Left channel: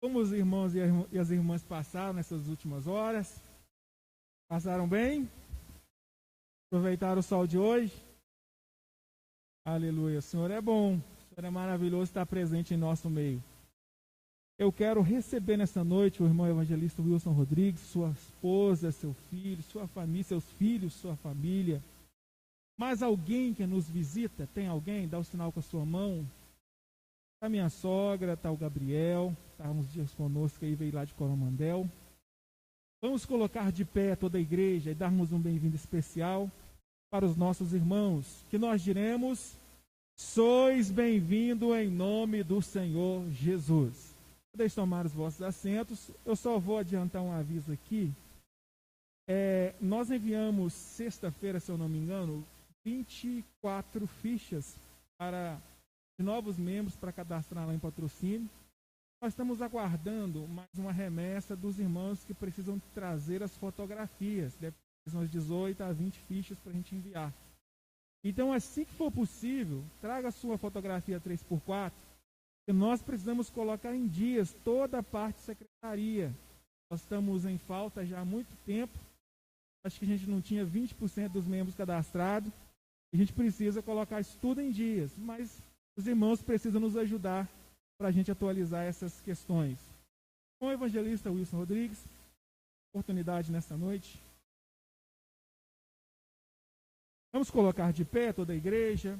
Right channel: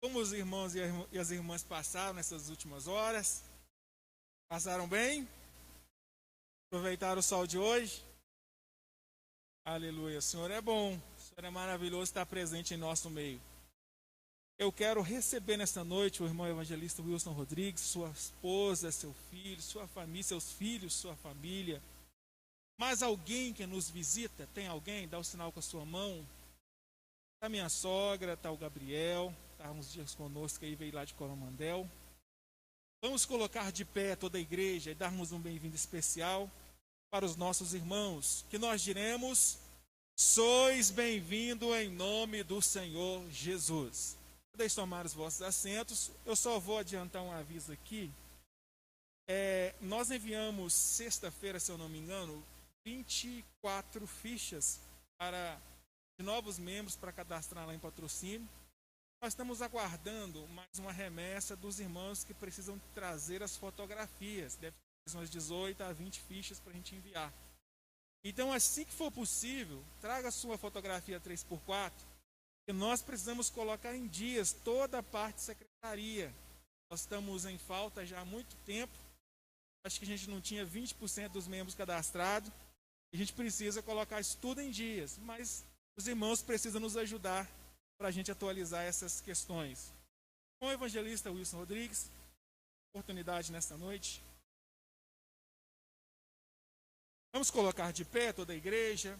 Como os irmãos e as irmãs passaram nessas últimas horas? Passaram bem? Aproveitaram o sol de hoje? Aleluia. O Senhor é bom. O Senhor é maravilhoso estar presente em nosso meio. Eu quero receber nesta noite o irmão evangelista Wilson Rodrigues, sua esposa, seu filho, sua família, seus filhos, sua família. Mais alguém que nos visita? Tem alguém? Dá o sinal com a sua mão. Está minha sogra, está o Gabriel, está uns dias conosco aí, veio lá de Coromandel. Vamos colocar de pé toda a igreja e darmos um bem-vindo especial para os nossos irmãos, que nós diremos: sois bem-vindo em nome do Senhor Jesus. Podeis tomar os vossos assentos. Eu só vou adiantar um aviso aqui. Nós enviamos sexta-feira, se eu não me engano, 24 fichas de novos membros para cadastrar lá em patrocínio. Nós estamos aguardando mais uma remessa dos irmãos que precisam trazer as fotografias. Deve ter umas 18 a 20 fichas para a gente enviar. Então, assim que for possível, traga a sua fotografia 3x4, que nós precisamos colocar em dias toda a parte de secretaria. Nós estamos em falta já há muito tempo. Acho que a gente não tinha 20% dos membros cadastrados. A gente precisa colocar isso tudo em dias, mas os irmãos precisam nos ajudar para a gente atualizar essas questões. Com o evangelista Wilson Rodrigues, oportunidade nesta noite. Vamos colocar de pé toda a igreja.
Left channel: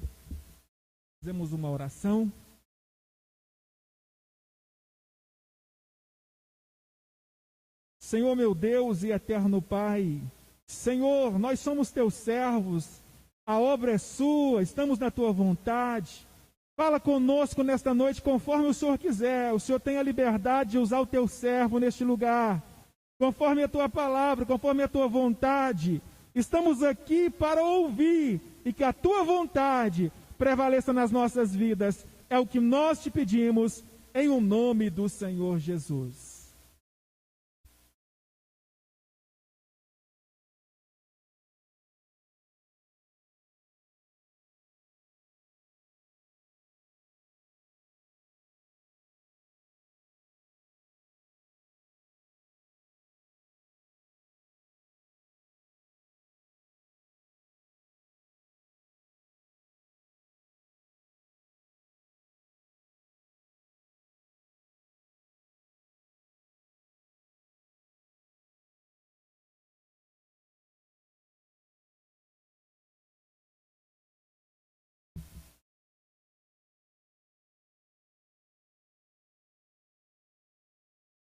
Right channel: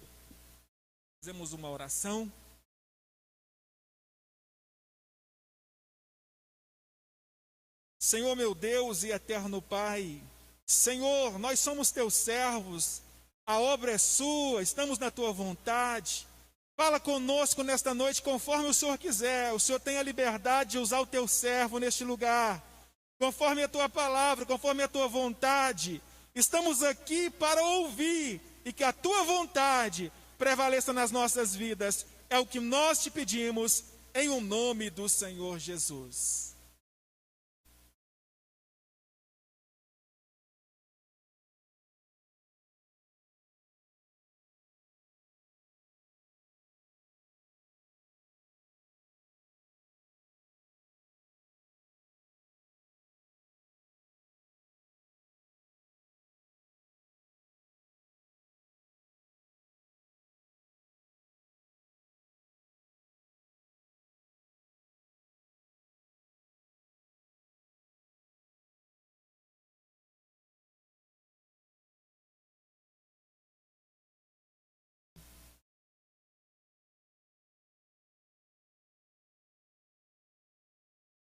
Fizemos uma oração. Senhor meu Deus e eterno Pai, Senhor, nós somos teus servos, a obra é sua, estamos na tua vontade. Fala conosco nesta noite conforme o Senhor quiser. O Senhor tem a liberdade de usar o teu servo neste lugar, conforme a tua palavra, conforme a tua vontade. Estamos aqui para ouvir e que a tua vontade prevaleça nas nossas vidas. É o que nós te pedimos em o nome do Senhor Jesus.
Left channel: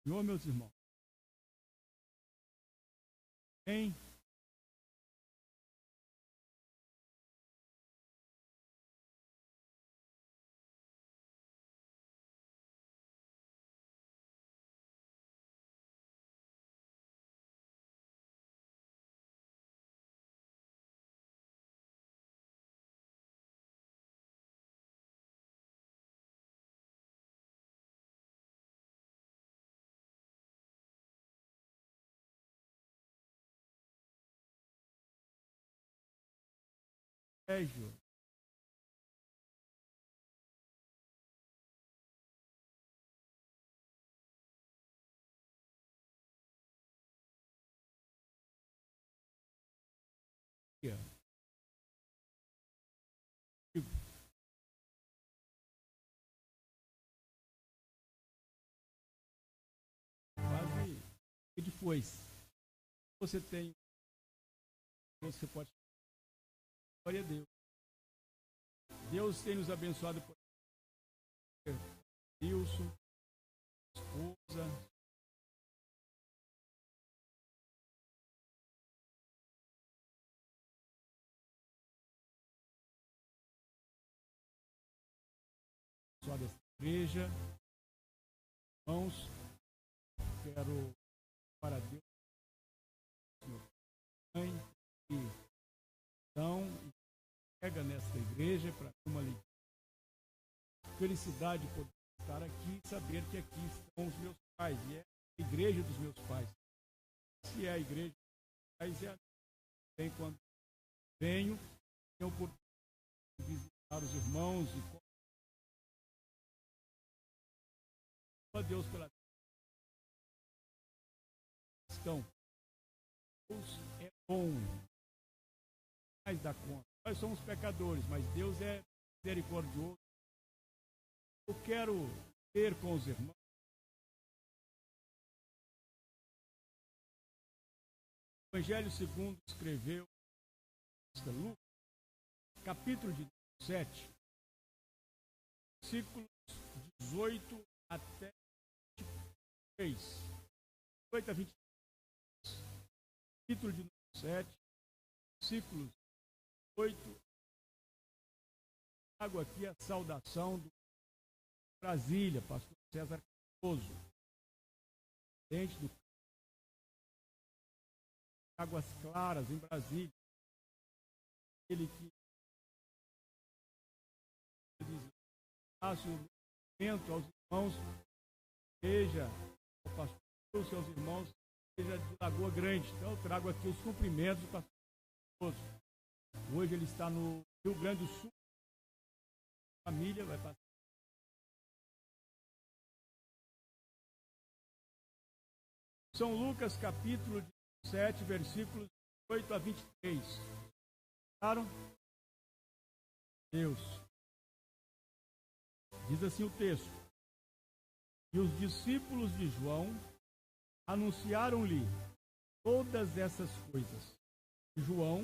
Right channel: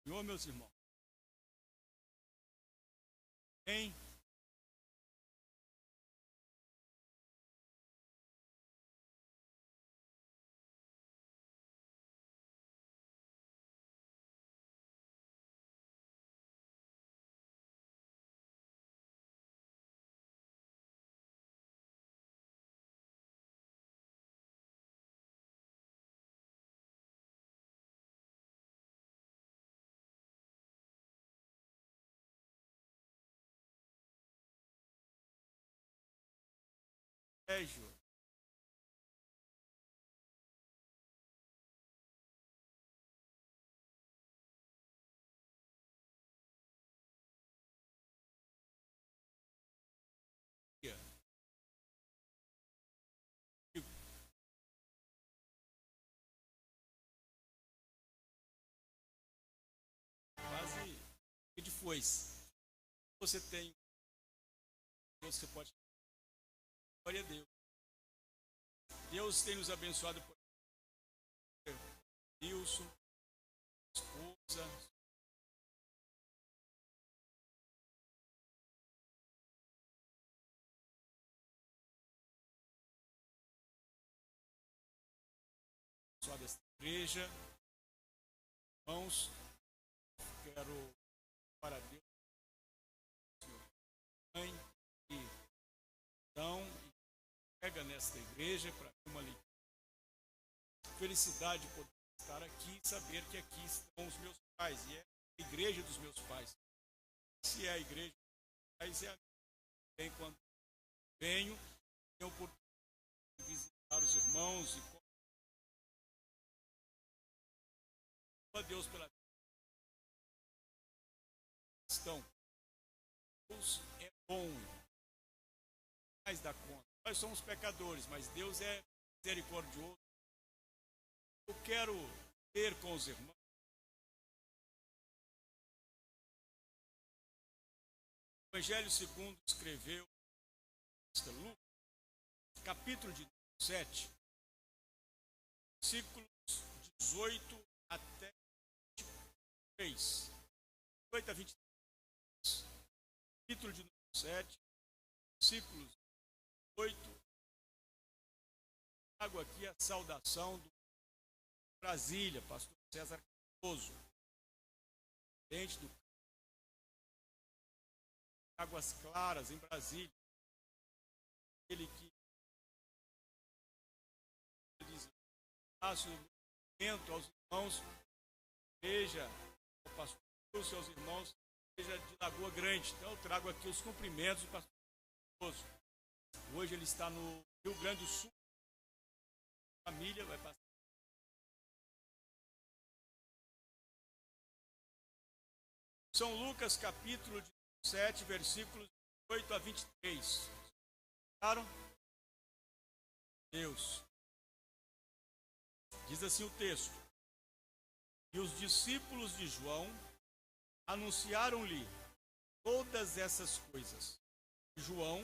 Senhor, meus irmãos. Hein? Sérgio. Quase de foice. Você tem, você pode. Glória a Deus. Deus tem nos abençoado por Wilson, esposa. Abençoada esta igreja. Irmãos, quero para Deus, Senhor, Mãe, e então pega nesta igreja para uma alegria. Felicidade por estar aqui e saber que aqui estão os meus pais e é a igreja dos meus pais. Se é a igreja dos meus pais, é a minha. Quando venho, tenho oportunidade de visitar os irmãos e a Deus pela questão. Deus é bom, mais da conta. Nós somos pecadores, mas Deus é misericordioso. Eu quero ter com os irmãos o Evangelho segundo escreveu Lucas, capítulo de 7, versículos 18 até 23. 18 a 23. Capítulo de 7, versículos 8. Trago aqui a saudação do Brasília, pastor César Cardoso, presidente do Águas Claras, em Brasília. Ele que diz, faço o momento aos irmãos, igreja, ao pastor, aos seus irmãos, igreja de Lagoa Grande. Então eu trago aqui os cumprimentos do pastor Cardoso. Hoje ele está no Rio Grande do Sul. A família vai passar. São Lucas, capítulo 7, versículos 8 a 23. Claro? Deus. Diz assim o texto. E os discípulos de João anunciaram-lhe todas essas coisas. E João,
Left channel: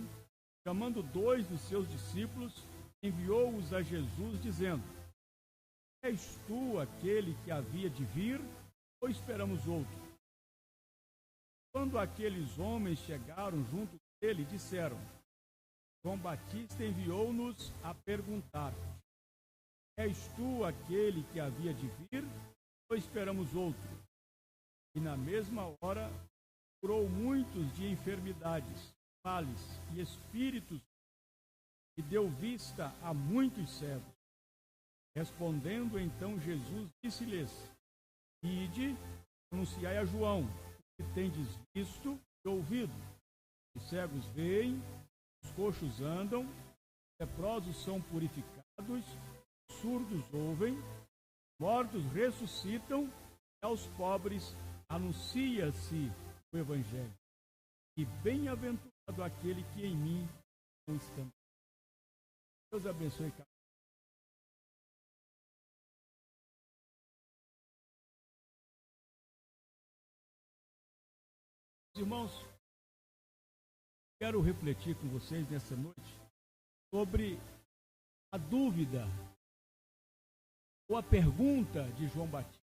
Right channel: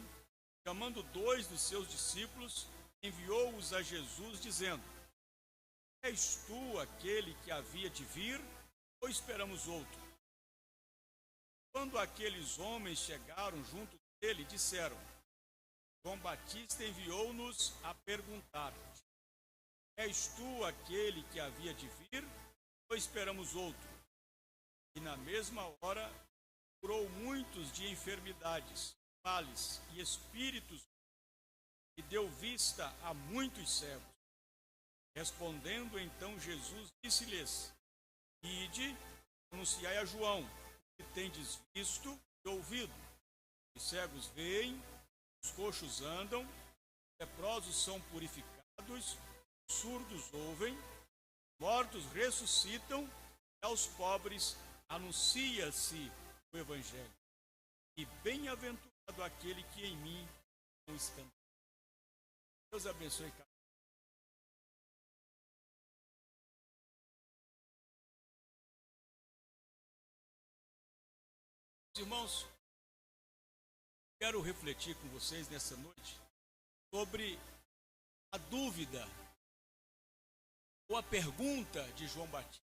chamando 2 dos seus discípulos, enviou-os a Jesus, dizendo: És tu aquele que havia de vir, ou esperamos outro? Quando aqueles homens chegaram junto dele, disseram: João Batista enviou-nos a perguntar: És tu aquele que havia de vir, ou esperamos outro? E na mesma hora curou muitos de enfermidades, males e espíritos, e deu vista a muitos cegos. Respondendo então Jesus, disse-lhes: Ide, anunciai a João o que tendes visto e ouvido. Os cegos veem, os coxos andam, leprosos são purificados, surdos ouvem, mortos ressuscitam, e aos pobres anuncia-se o Evangelho. E bem-aventurado aquele que em mim não escanda. Deus abençoe cada um. Irmãos, quero refletir com vocês nessa noite sobre a dúvida ou a pergunta de João Batista.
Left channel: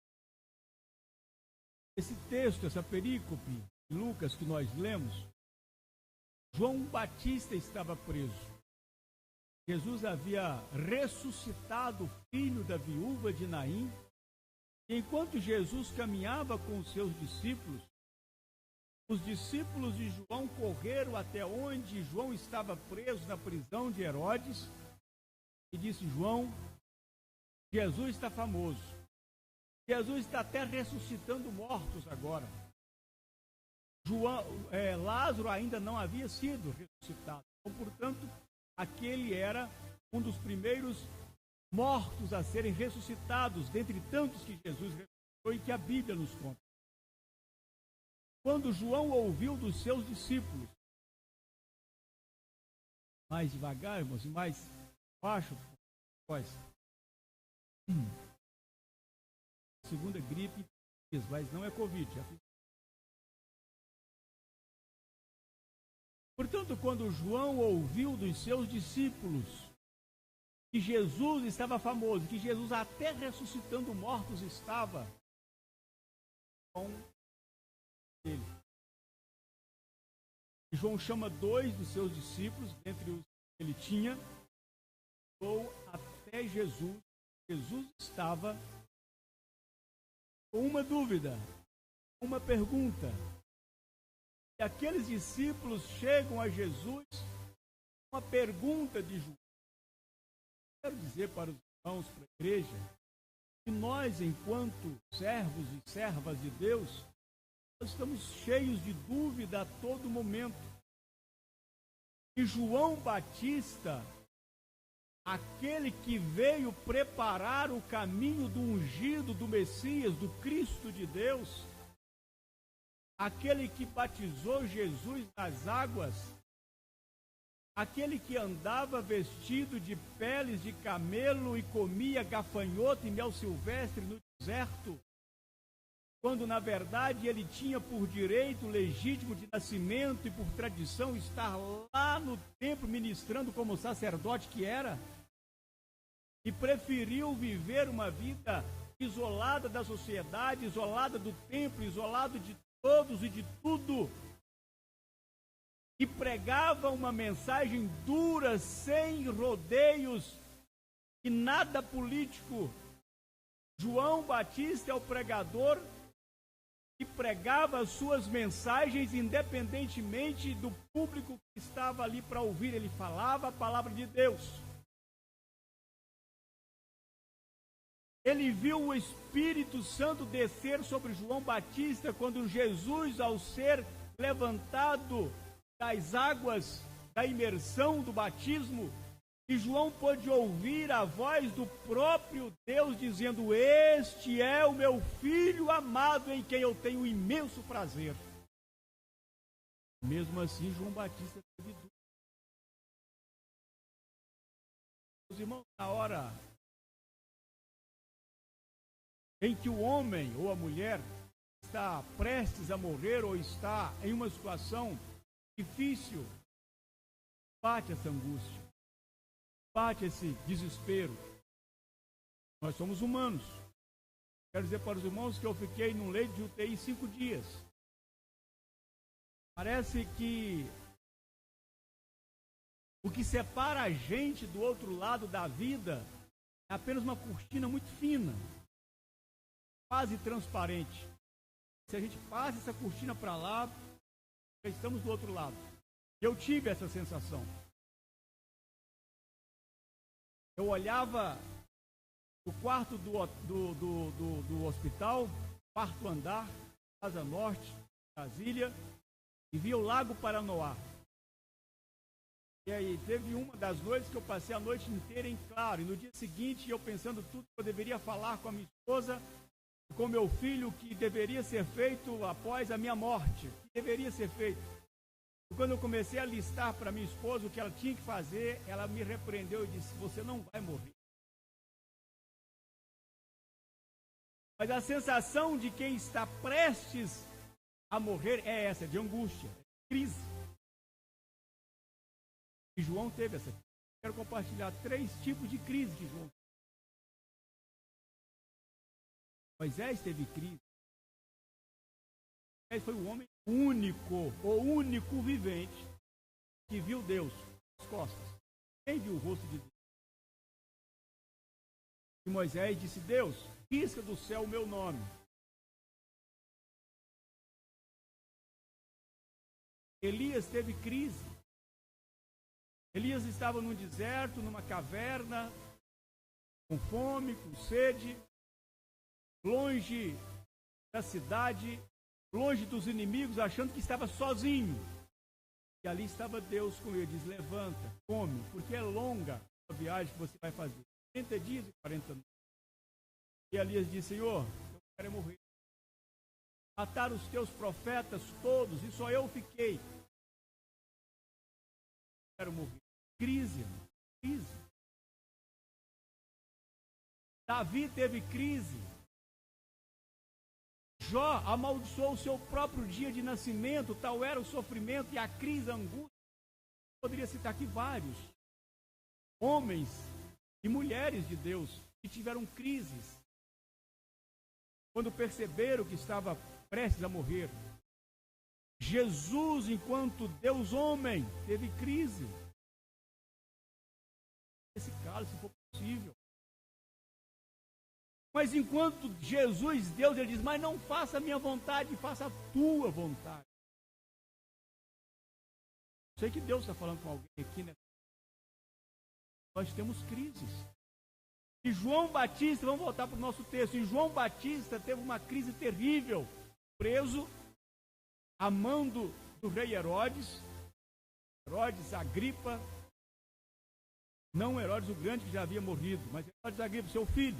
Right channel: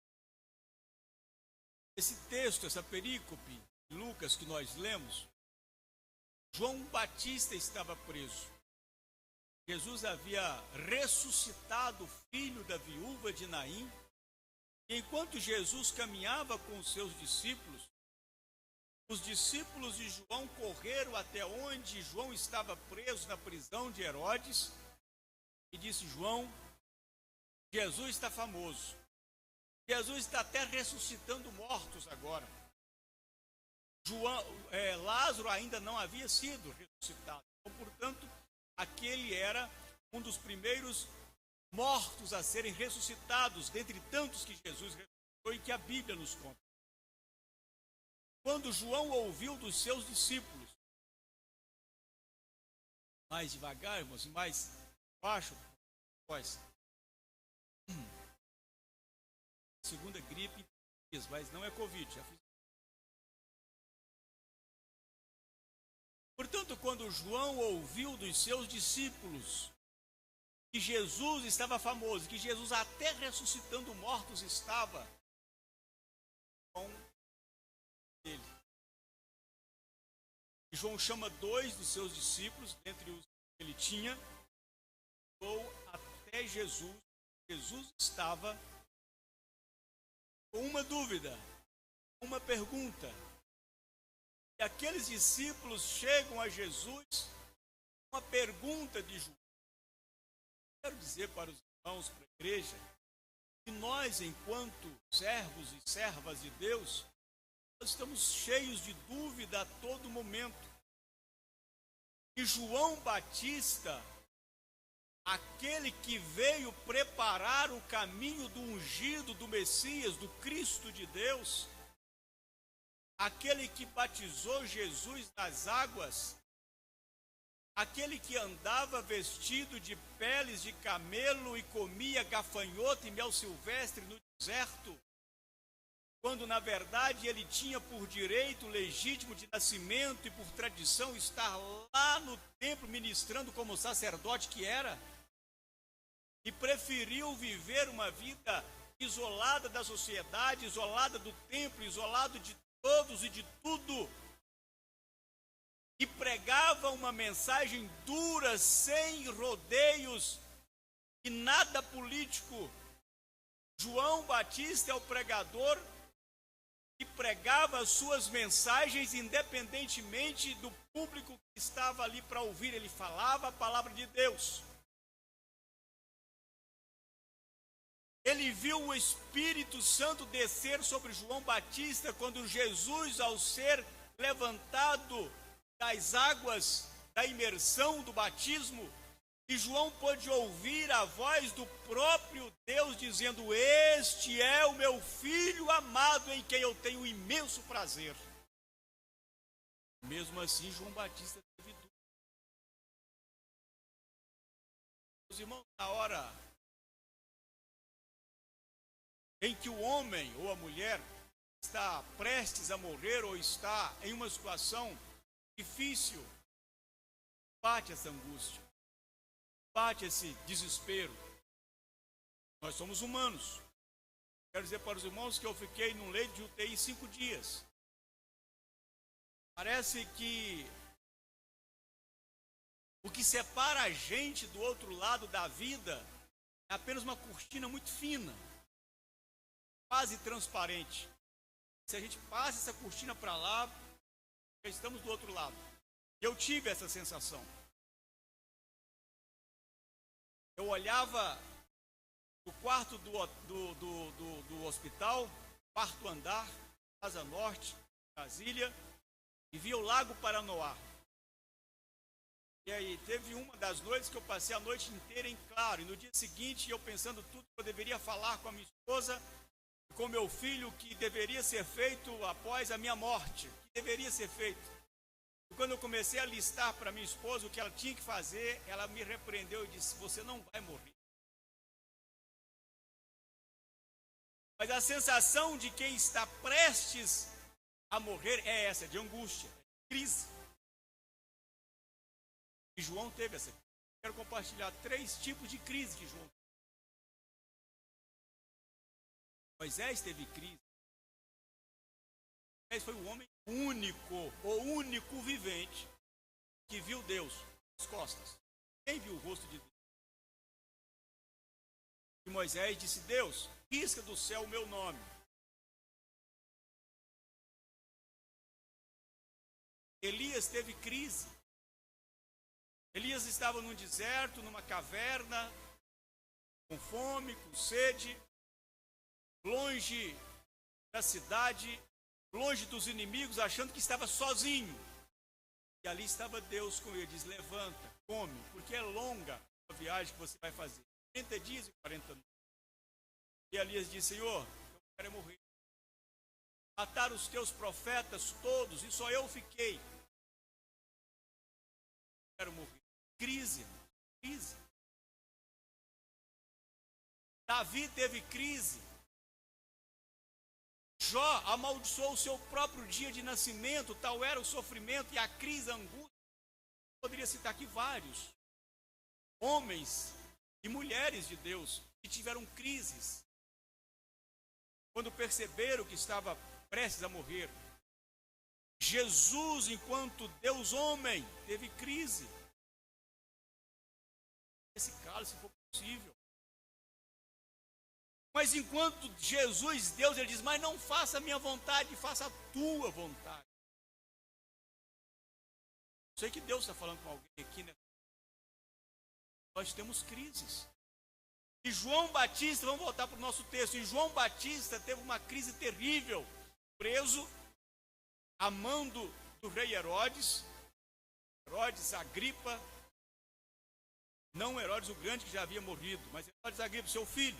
Esse texto, essa perícope de Lucas que nós lemos, João Batista estava preso. Jesus havia ressuscitado o filho da viúva de Naim, e enquanto Jesus caminhava com os seus discípulos, os discípulos de João correram até onde João estava preso na prisão de Herodes e disse: João, Jesus está famoso. Jesus está até ressuscitando mortos agora. Lázaro ainda não havia sido ressuscitado. Então, portanto, aquele era um dos primeiros mortos a serem ressuscitados, dentre tantos que Jesus ressuscitou e que a Bíblia nos conta. Quando João ouviu dos seus discípulos, mais devagar, irmãos, e mais baixo, voz. Segunda gripe, mas não é Covid. Já fiz. Portanto, quando João ouviu dos seus discípulos que Jesus estava famoso, que Jesus até ressuscitando mortos estava com ele. E João chama 2 dos seus discípulos, dentre os que ele tinha, ou até Jesus. Jesus estava com uma dúvida, uma pergunta. E aqueles discípulos chegam a Jesus com uma pergunta de João. Quero dizer para os irmãos, para a igreja, que nós, enquanto servos e servas de Deus, nós estamos cheios de dúvida a todo momento. E João Batista, aquele que veio preparar o caminho do ungido, do Messias, do Cristo de Deus, aquele que batizou Jesus nas águas, aquele que andava vestido de peles de camelo e comia gafanhoto e mel silvestre no deserto, quando na verdade ele tinha por direito legítimo de nascimento e por tradição estar lá no templo ministrando como sacerdote que era, e preferiu viver uma vida isolada da sociedade, isolada do templo, isolado de todos e de tudo, e pregava uma mensagem dura, sem rodeios e nada político. João Batista é o pregador que pregava as suas mensagens independentemente do público que estava ali para ouvir. Ele falava a palavra de Deus. Ele viu o Espírito Santo descer sobre João Batista quando Jesus, ao ser levantado das águas da imersão do batismo, e João pôde ouvir a voz do próprio Deus dizendo: este é o meu filho amado em quem eu tenho imenso prazer. Mesmo assim, João Batista teve dúvida. Os irmãos, na hora em que o homem ou a mulher está prestes a morrer ou está em uma situação difícil, bate essa angústia, bate esse desespero. Nós somos humanos. Quero dizer para os irmãos que eu fiquei num leito de UTI 5 dias. Parece que o que separa a gente do outro lado da vida é apenas uma cortina muito fina, quase transparente. Se a gente passa essa cortina para lá, já estamos do outro lado. Eu tive essa sensação. Eu olhava o quarto do hospital, quarto andar, Asa Norte, Brasília, e via o Lago Paranoá. E aí teve uma das noites que eu passei a noite inteira em claro, e no dia seguinte eu pensando tudo que eu deveria falar com a minha esposa, com meu filho, que deveria ser feito após a minha morte, que deveria ser feito. E quando eu comecei a listar para minha esposa o que ela tinha que fazer, ela me repreendeu e disse: você não vai morrer. Mas a sensação de quem está prestes a morrer é essa, de angústia, de crise. E João teve essa. Quero compartilhar 3 tipos de crise que João teve. Moisés teve crise. Moisés foi o homem o único vivente que viu Deus nas costas. Quem viu o rosto de Deus? E Moisés disse: Deus, risca do céu o meu nome. Elias teve crise. Elias estava num deserto, numa caverna, com fome, com sede, longe da cidade, longe dos inimigos, achando que estava sozinho. E ali estava Deus com ele, diz: levanta, come, porque é longa a viagem que você vai fazer. 30 dias e 40 noites. E Elias disse: Senhor, eu quero morrer. Mataram os teus profetas todos e só eu fiquei. Eu quero morrer. Crise, crise. Davi teve crise. Jó amaldiçoou o seu próprio dia de nascimento, tal era o sofrimento e a crise, a angústia. Poderia citar aqui vários homens e mulheres de Deus que tiveram crises quando perceberam que estava prestes a morrer. Jesus, enquanto Deus homem, teve crise. Esse cálice, se for possível. Mas enquanto Jesus, Deus, ele diz: mas não faça a minha vontade, faça a tua vontade. Sei que Deus está falando com alguém aqui, né? Nós temos crises. E João Batista, vamos voltar para o nosso texto, e João Batista teve uma crise terrível, preso, a mão do rei Herodes Agripa, não Herodes o Grande, que já havia morrido, mas Herodes Agripa, seu filho.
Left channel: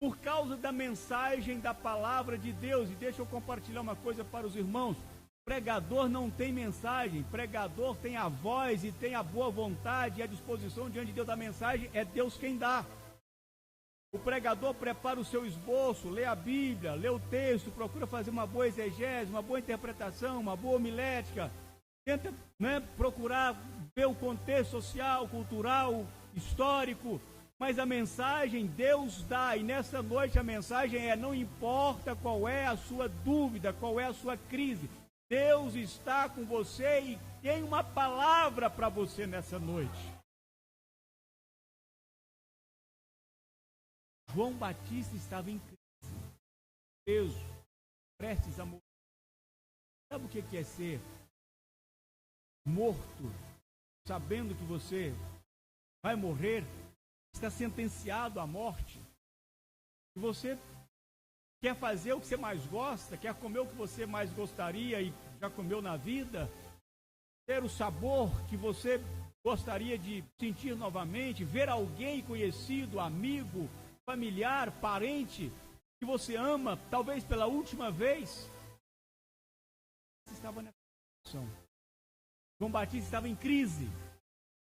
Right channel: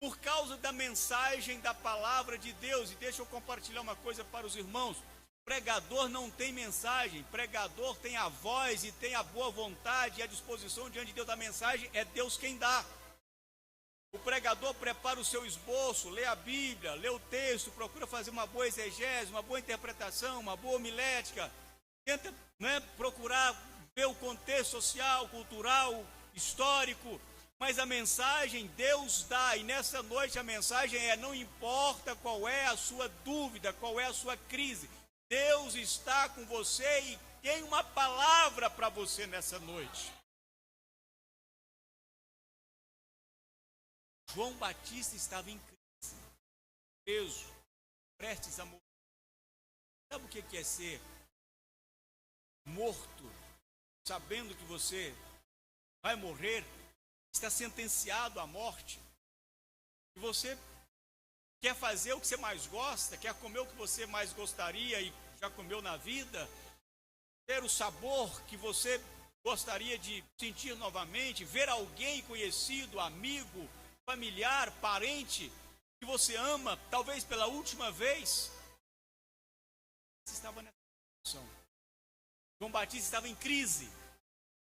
por causa da mensagem da palavra de Deus. E deixa eu compartilhar uma coisa para os irmãos: pregador não tem mensagem, pregador tem a voz e tem a boa vontade e a disposição diante de Deus da mensagem, é Deus quem dá. O pregador prepara o seu esboço, lê a Bíblia, lê o texto, procura fazer uma boa exegese, uma boa interpretação, uma boa homilética, tenta, procurar ver o contexto social, cultural, histórico, mas a mensagem Deus dá, e nessa noite a mensagem é: não importa qual é a sua dúvida, qual é a sua crise, Deus está com você e tem uma palavra para você nessa noite. João Batista estava em crise, preso, prestes a morrer. Sabe o que é ser morto, sabendo que você vai morrer, está sentenciado à morte, e você quer fazer o que você mais gosta, quer comer o que você mais gostaria e já comeu na vida, ter o sabor que você gostaria de sentir novamente, ver alguém conhecido, amigo, familiar, parente, que você ama, talvez pela última vez. Você estava nessa situação. João Batista estava em crise.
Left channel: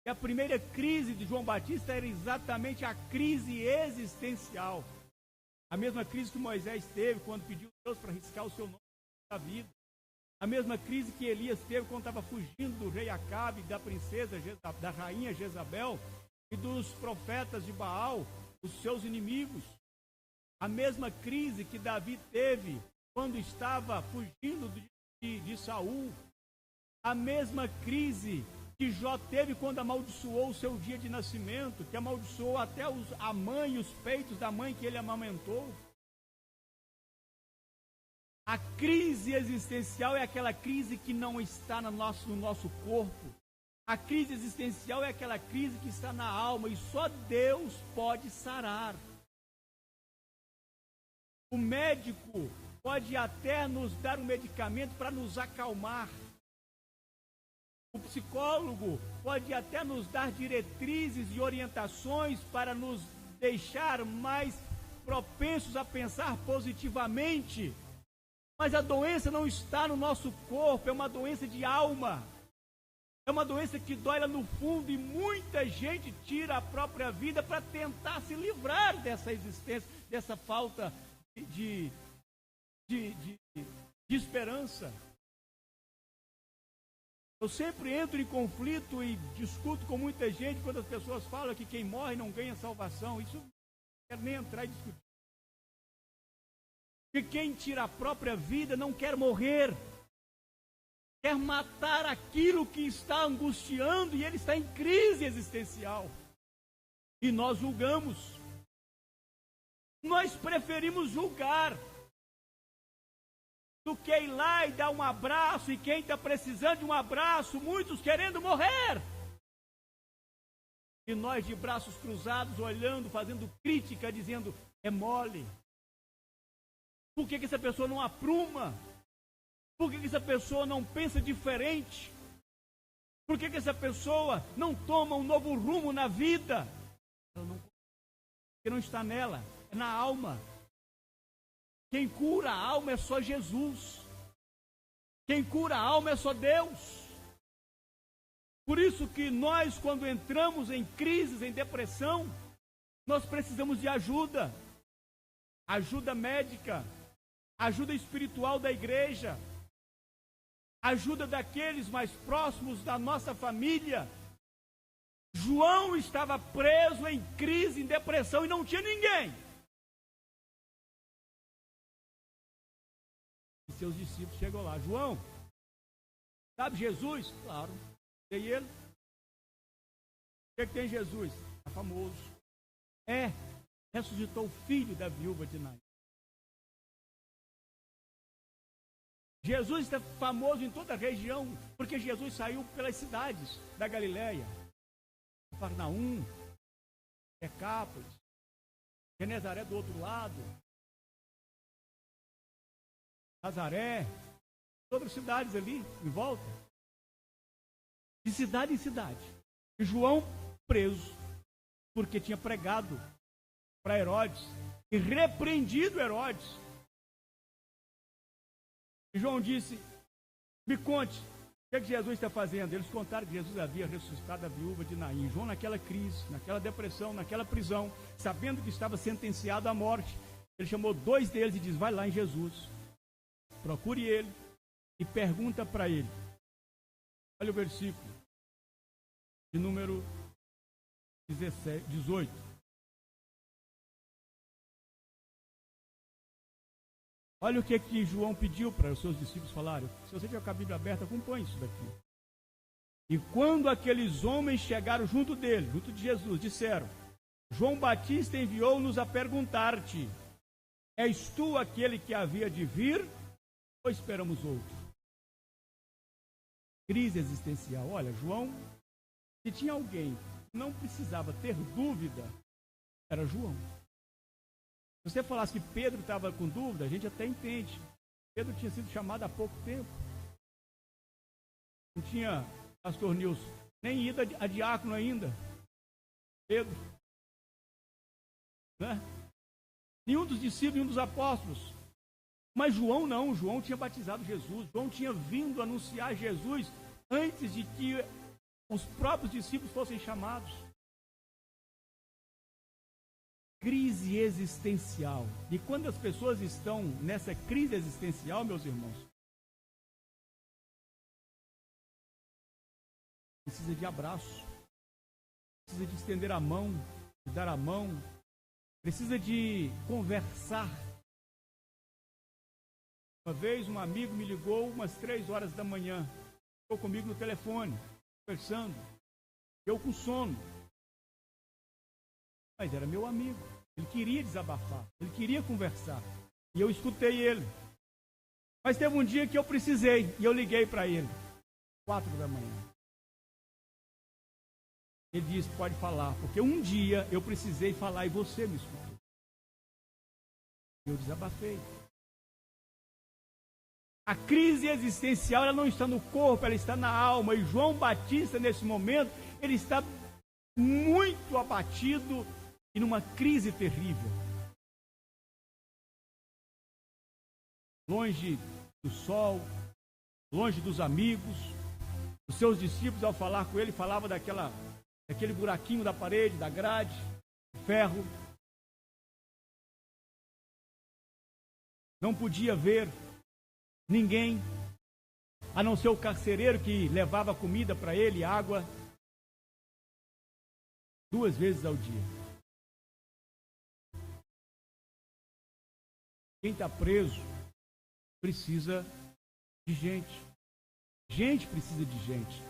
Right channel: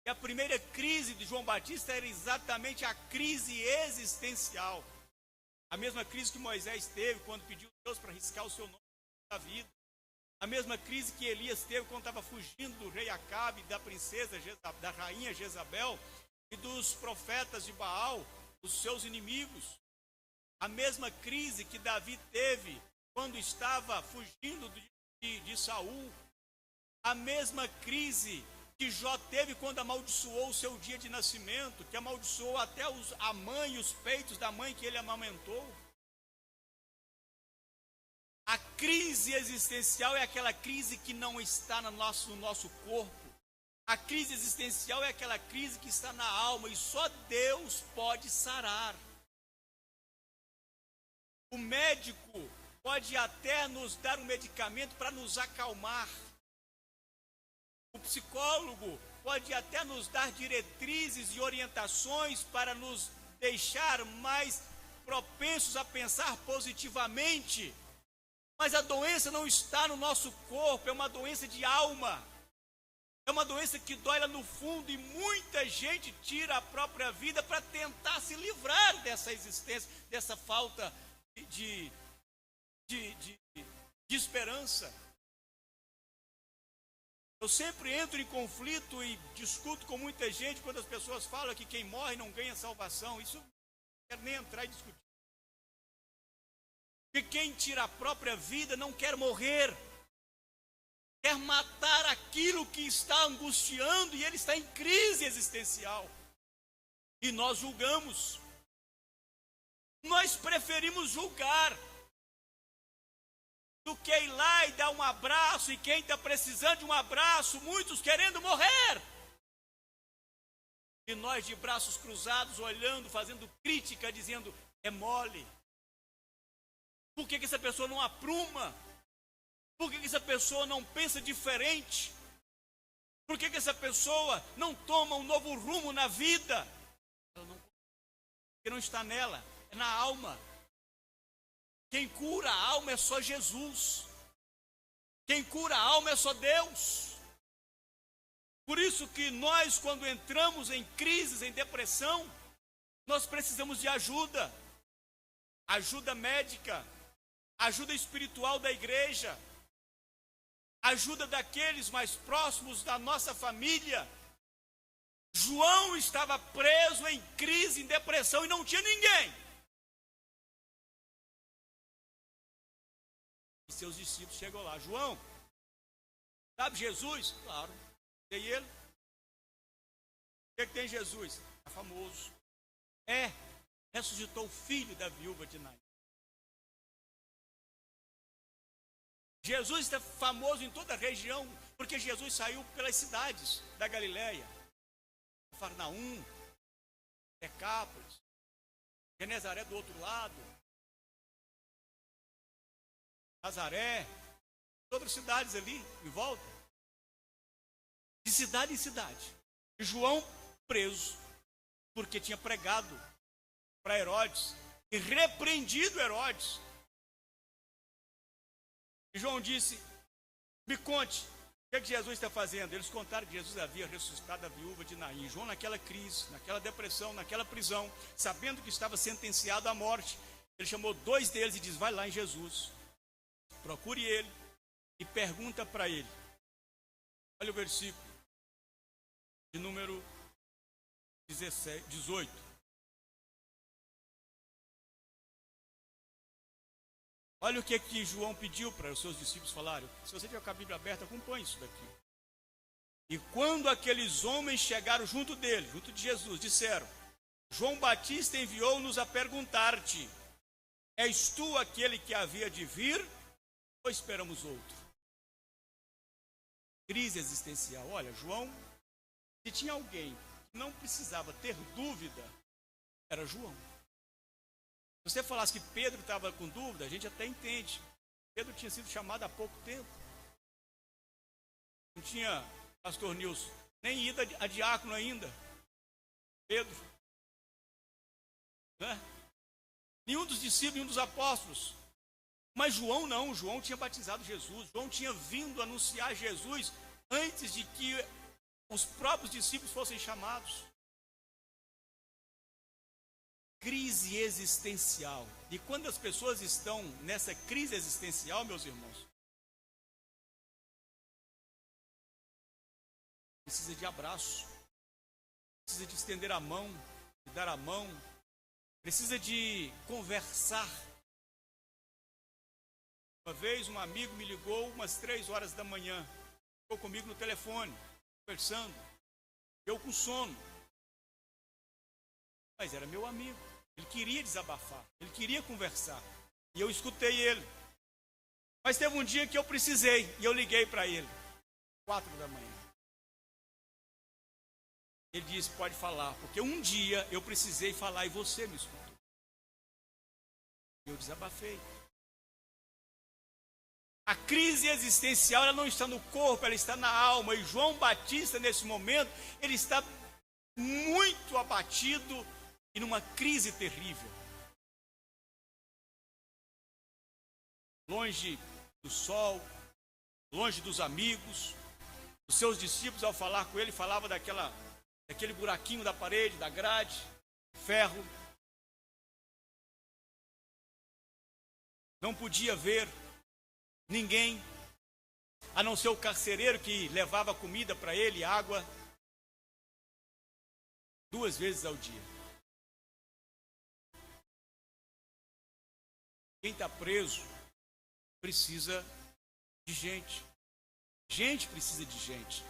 E a primeira crise de João Batista era exatamente a crise existencial. A mesma crise que Moisés teve quando pediu a Deus para riscar o seu nome da vida. A mesma crise que Elias teve quando estava fugindo do rei Acabe, da princesa, da rainha Jezabel e dos profetas de Baal, os seus inimigos. A mesma crise que Davi teve quando estava fugindo de Saul. A mesma crise que Jó teve quando amaldiçoou o seu dia de nascimento, que amaldiçoou até a mãe e os peitos da mãe que ele amamentou. A crise existencial é aquela crise que não está no nosso corpo. A crise existencial é aquela crise que está na alma e só Deus pode sarar. O médico pode até nos dar um medicamento para nos acalmar. O psicólogo pode até nos dar diretrizes e orientações para nos deixar mais propensos a pensar positivamente. Mas a doença não está no nosso corpo, é uma doença de alma. É uma doença que dói lá no fundo e muita gente tira a própria vida para tentar se livrar dessa existência, dessa falta de esperança. Eu sempre entro em conflito e discuto com muita gente quando as pessoas falam que quem morre não ganha salvação. Isso não quero nem entrar e discutir. Porque quem tira a própria vida não quer morrer. Quer matar aquilo que está angustiando e ele está em crise existencial. E nós julgamos. Nós preferimos julgar do que ir lá e dar um abraço, e quem está precisando de um abraço, muitos querendo morrer. E nós de braços cruzados, olhando, fazendo crítica, dizendo, é mole. Por que essa pessoa não apruma? Por que essa pessoa não pensa diferente? Por que essa pessoa não toma um novo rumo na vida? Porque não está nela, é na alma. Quem cura a alma é só Jesus. Quem cura a alma é só Deus. Por isso que nós, quando entramos em crises, em depressão, nós precisamos de ajuda. Ajuda médica, ajuda espiritual da igreja, ajuda daqueles mais próximos da nossa família. João estava preso em crise, em depressão, e não tinha ninguém. E seus discípulos chegam lá. João, sabe Jesus? Claro. E ele? O que tem Jesus? É famoso. Ressuscitou o filho da viúva de Naim. Jesus está famoso em toda a região, porque Jesus saiu pelas cidades da Galileia. Cafarnaum, Decápolis, Genezaré do outro lado, Nazaré, outras cidades ali em volta. De cidade em cidade. E João preso, porque tinha pregado para Herodes e repreendido Herodes. E João disse: me conte, o que é que Jesus está fazendo? Eles contaram que Jesus havia ressuscitado a viúva de Naim. João, naquela crise, naquela depressão, naquela prisão, sabendo que estava sentenciado à morte, ele chamou 2 deles e diz: vai lá em Jesus, procure ele e pergunta para ele. Olha o versículo de número 18. Olha o que João pediu para os seus discípulos falarem. Se você tiver com a Bíblia aberta, acompanhe isso daqui. E quando aqueles homens chegaram junto dele, junto de Jesus, disseram: João Batista enviou-nos a perguntar-te: és tu aquele que havia de vir, ou esperamos outro? Crise existencial. Olha, João, se tinha alguém que não precisava ter dúvida, era João. Se você falasse que Pedro estava com dúvida, a gente até entende. Pedro tinha sido chamado há pouco tempo. Não tinha, pastor Nilson, nem ido a diácono ainda. Pedro. Né? Nenhum dos discípulos, nenhum dos apóstolos. Mas João não, João tinha batizado Jesus. João tinha vindo anunciar Jesus antes de que os próprios discípulos fossem chamados. Crise existencial. E quando as pessoas estão nessa crise existencial, meus irmãos, precisa de abraço, precisa de estender a mão, de dar a mão, precisa de conversar. Uma vez um amigo me ligou umas 3 horas da manhã, ficou comigo no telefone, conversando, eu com sono. Mas era meu amigo, ele queria desabafar, ele queria conversar, e eu escutei ele. Mas teve um dia que eu precisei, e eu liguei para ele, 4 da manhã. Ele disse: pode falar, porque um dia eu precisei falar e você me escutou. Eu desabafei. A crise existencial, ela não está no corpo, ela está na alma, e João Batista, nesse momento, ele está muito abatido e numa crise terrível. Longe do sol, longe dos amigos. Os seus discípulos, ao falar com ele, falavam daquele buraquinho da parede, da grade, de ferro. Não podia ver ninguém, a não ser o carcereiro que levava comida para ele, água, 2 vezes ao dia. Quem está preso precisa de gente. Gente precisa de gente.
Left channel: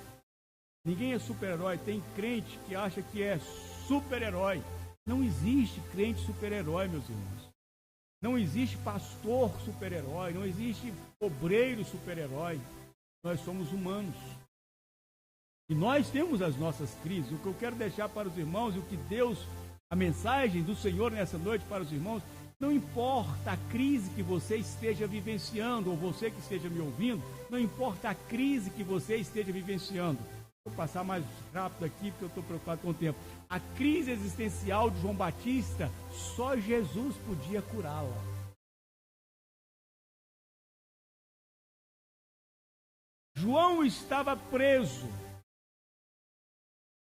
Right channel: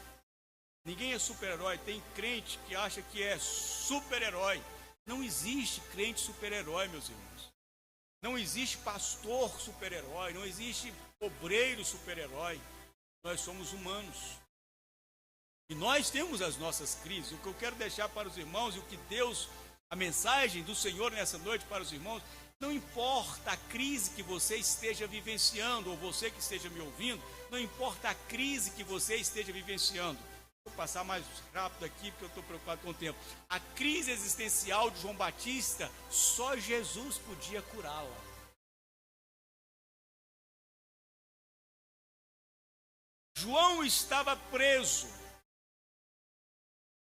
Ninguém é super-herói. Tem crente que acha que é super-herói. Não existe crente super-herói, meus irmãos. Não existe pastor super-herói. Não existe obreiro super-herói. Nós somos humanos. E nós temos as nossas crises. O que eu quero deixar para os irmãos, e o que Deus, a mensagem do Senhor nessa noite para os irmãos, não importa a crise que você esteja vivenciando, ou você que esteja me ouvindo, não importa a crise que você esteja vivenciando. Vou passar mais rápido aqui, porque eu estou preocupado com o tempo. A crise existencial de João Batista, só Jesus podia curá-la. João estava preso.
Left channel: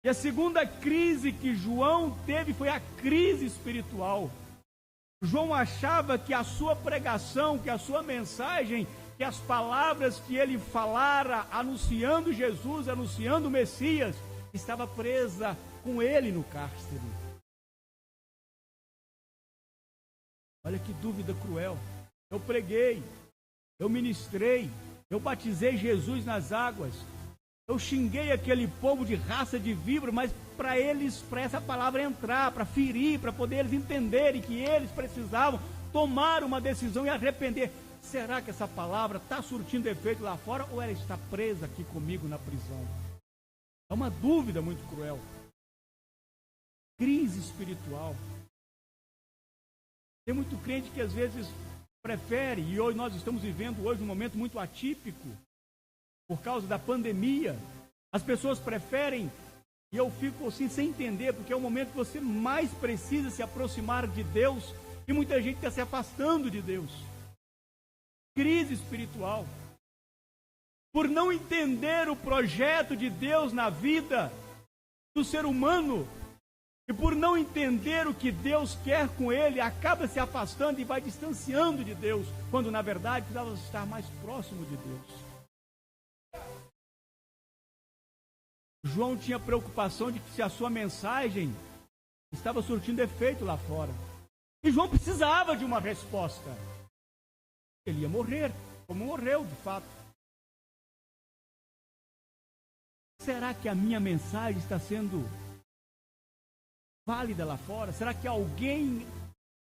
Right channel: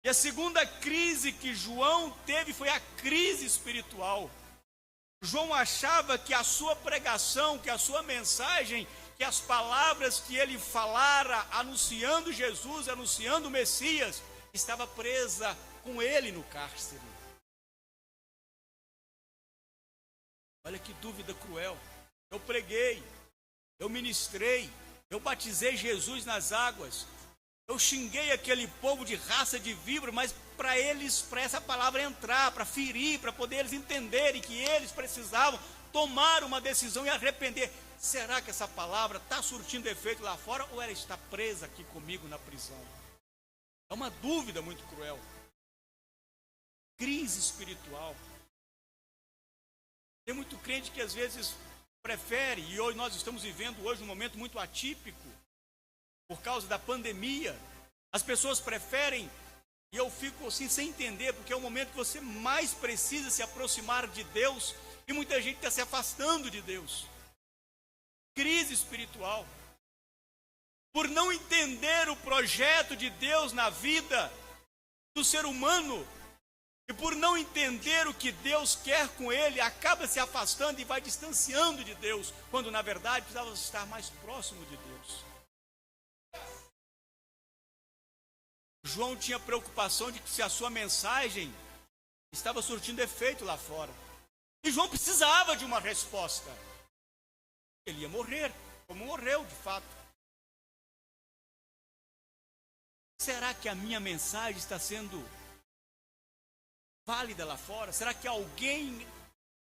E a segunda crise que João teve foi a crise espiritual. João achava que a sua pregação, que a sua mensagem, que as palavras que ele falara anunciando Jesus, anunciando o Messias, estava presa com ele no cárcere. Olha que dúvida cruel. Eu preguei, eu ministrei, eu batizei Jesus nas águas, eu xinguei aquele povo de raça de víbora, mas para essa palavra entrar, para ferir, para poder eles entenderem que eles precisavam tomar uma decisão e arrepender. Será que essa palavra está surtindo efeito lá fora, ou ela está presa aqui comigo na prisão? É uma dúvida muito cruel. Crise espiritual. Tem muito crente que às vezes prefere, e hoje nós estamos vivendo hoje um momento muito atípico, por causa da pandemia. As pessoas preferem, e eu fico assim sem entender, porque é o momento que você mais precisa se aproximar de Deus, E muita gente está se afastando de Deus. Crise espiritual. Por não entender o projeto de Deus na vida do ser humano, e por não entender o que Deus quer com ele, acaba se afastando e vai distanciando de Deus, quando na verdade precisava estar mais próximo de Deus. João tinha preocupação de que se a sua mensagem estava surtindo efeito lá fora. E João precisava de uma resposta. Ele ia morrer, como morreu de fato. Será que a minha mensagem está sendo válida lá fora? Será que alguém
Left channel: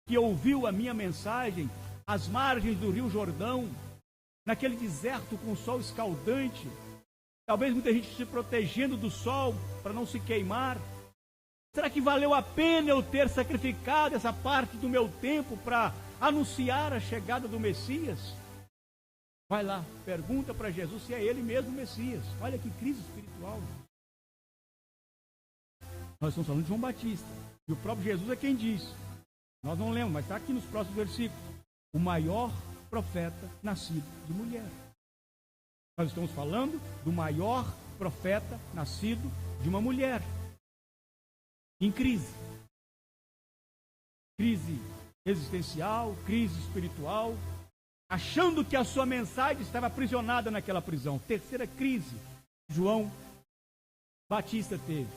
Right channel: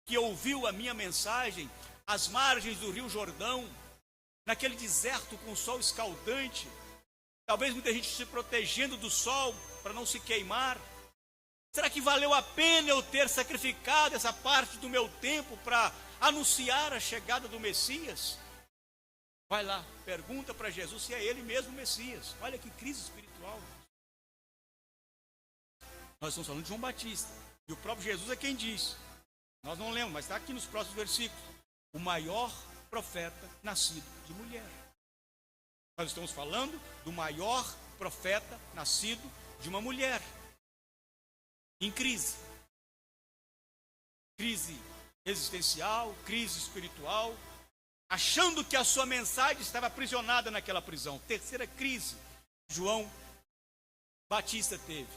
que ouviu a minha mensagem às margens do Rio Jordão, naquele deserto com o sol escaldante, talvez muita gente se protegendo do sol para não se queimar, será que valeu a pena eu ter sacrificado essa parte do meu tempo para anunciar a chegada do Messias? Vai lá, pergunta para Jesus se é ele mesmo o Messias. Olha que crise espiritual. Nós estamos falando de João Batista. E o próprio Jesus é quem diz. Nós não lemos, mas está aqui nos próximos versículos. O maior profeta nascido de mulher. Nós estamos falando do maior profeta nascido de uma mulher. Em crise. Crise existencial, crise espiritual. Achando que a sua mensagem estava aprisionada naquela prisão. Terceira crise, João Batista teve.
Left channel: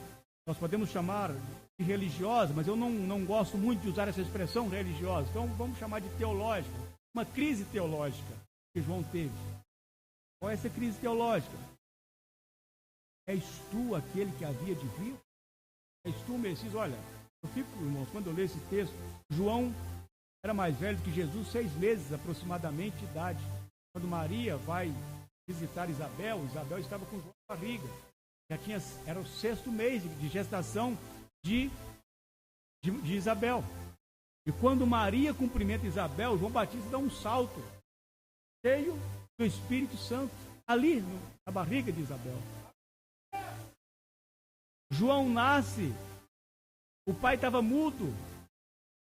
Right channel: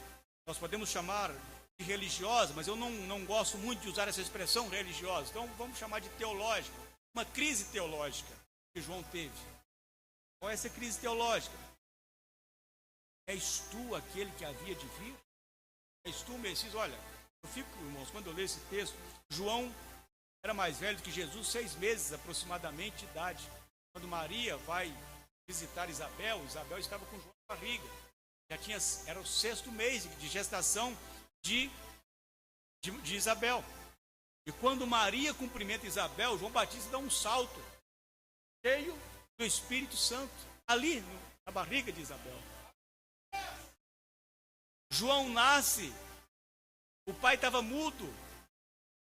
Nós podemos chamar de religiosa, mas eu não gosto muito de usar essa expressão religiosa. Então vamos chamar de teológica. Uma crise teológica que João teve. Qual é essa crise teológica? És tu aquele que havia de vir? És tu o Messias? Olha, eu fico, irmãos, quando eu leio esse texto, João era mais velho do que Jesus, 6 meses aproximadamente de idade. Quando Maria vai visitar Isabel, Isabel estava com João na barriga. Era o 6º mês de gestação de Isabel. E quando Maria cumprimenta Isabel, João Batista dá um salto, cheio do Espírito Santo, ali na barriga de Isabel. João nasce, o pai estava mudo.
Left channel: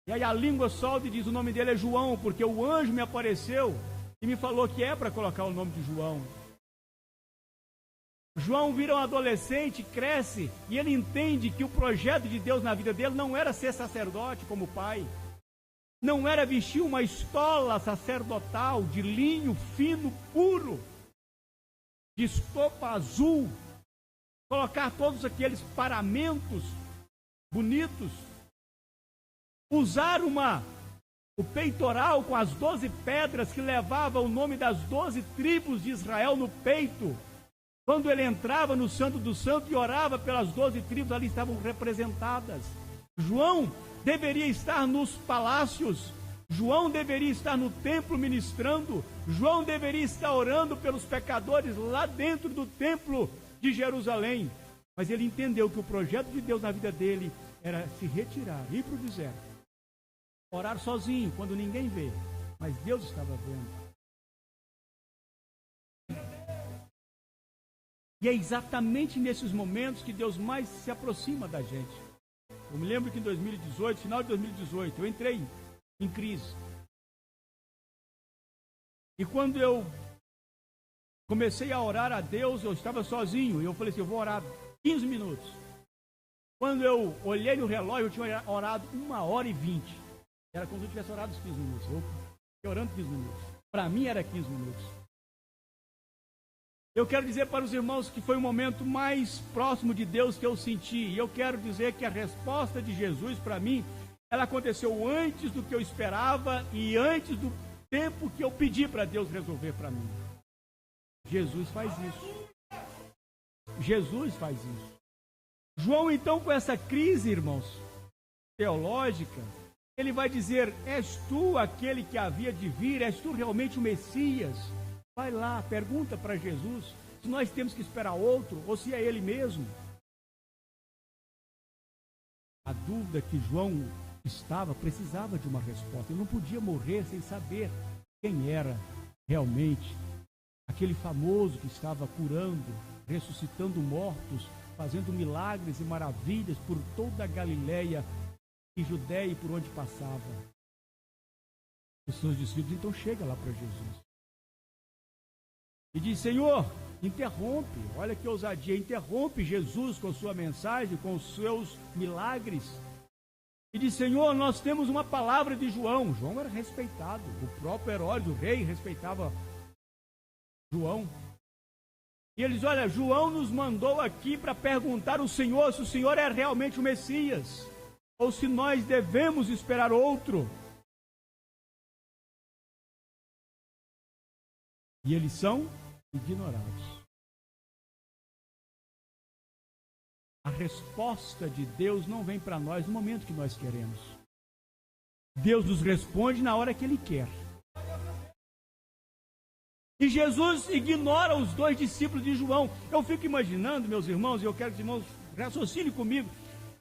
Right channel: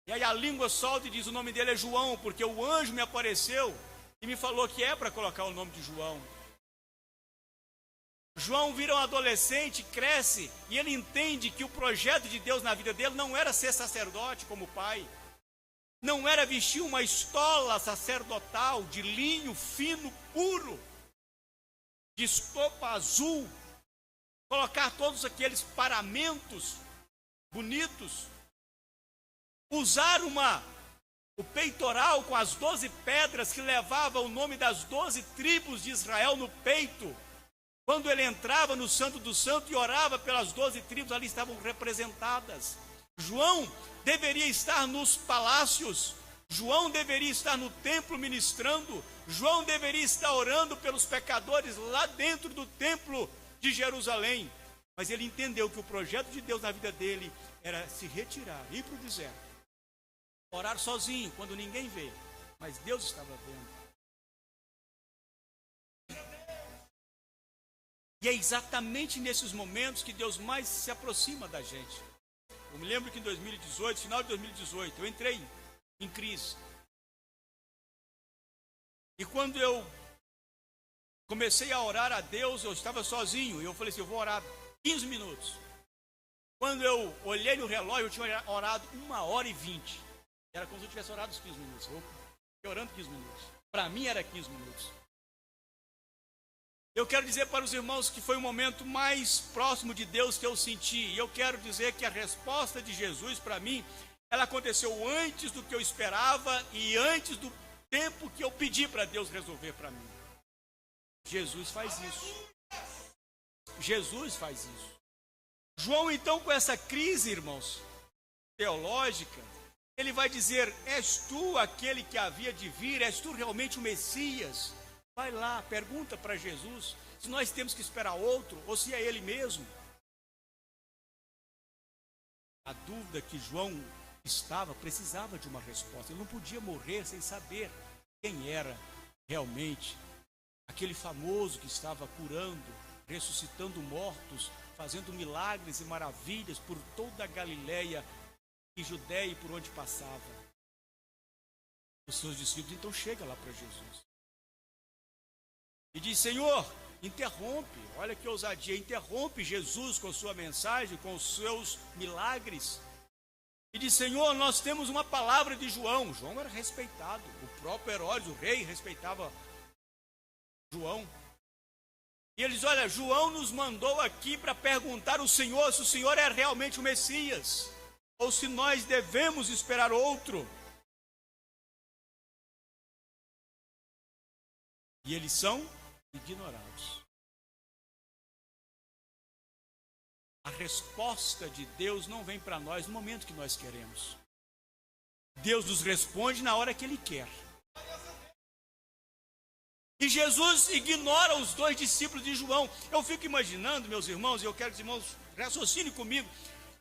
E aí a língua solta e diz: o nome dele é João, porque o anjo me apareceu e me falou que é para colocar o nome de João. João vira um adolescente, cresce, e ele entende que o projeto de Deus na vida dele não era ser sacerdote como pai, não era vestir uma estola sacerdotal de linho fino, puro, de estopa azul, colocar todos aqueles paramentos bonitos, usar o peitoral com as 12 pedras que levava o nome das 12 tribos de Israel no peito. Quando ele entrava no Santo do Santo e orava pelas 12 tribos, ali estavam representadas. João deveria estar nos palácios, João deveria estar no templo ministrando, João deveria estar orando pelos pecadores lá dentro do templo de Jerusalém. Mas ele entendeu que o projeto de Deus na vida dele era se retirar, ir para o deserto. Orar sozinho, quando ninguém vê, mas Deus estava vendo. E é exatamente nesses momentos que Deus mais se aproxima da gente. Eu me lembro que em 2018, final de 2018, eu entrei em crise. E quando eu comecei a orar a Deus, eu estava sozinho, e eu falei assim: eu vou orar 15 minutos. Quando eu olhei no relógio, eu tinha orado 1h20. Era como se eu tivesse orado os 15 minutos. Eu fiquei orando 15 minutos. Para mim era 15 minutos. Eu quero dizer para os irmãos que foi o momento mais próximo de Deus que eu senti. E eu quero dizer que a resposta de Jesus para mim, ela aconteceu antes do que eu esperava e antes do tempo que eu pedi para Deus resolver para mim. Jesus faz isso. Jesus faz isso. João, então, com essa crise, irmãos, teológica, ele vai dizer: és tu aquele que havia de vir? És tu realmente o Messias? Vai lá, pergunta para Jesus se nós temos que esperar outro ou se é ele mesmo. A dúvida que João precisava de uma resposta. Ele não podia morrer sem saber quem era realmente aquele famoso que estava curando, ressuscitando mortos, fazendo milagres e maravilhas por toda a Galileia e Judéia e por onde passava. Os seus discípulos então chegam lá para Jesus e diz: Senhor, interrompe, olha que ousadia, interrompe Jesus com sua mensagem, com os seus milagres. E diz: Senhor, nós temos uma palavra de João. João era respeitado, o próprio Herodes, o rei, respeitava João. E eles: olha, João nos mandou aqui para perguntar ao Senhor se o Senhor é realmente o Messias, ou se nós devemos esperar outro. E eles são ignorados. A resposta de Deus não vem para nós no momento que nós queremos. Deus nos responde na hora que Ele quer. E Jesus ignora os 2 discípulos de João. Eu fico imaginando, meus irmãos, e eu quero que os irmãos raciocinem comigo,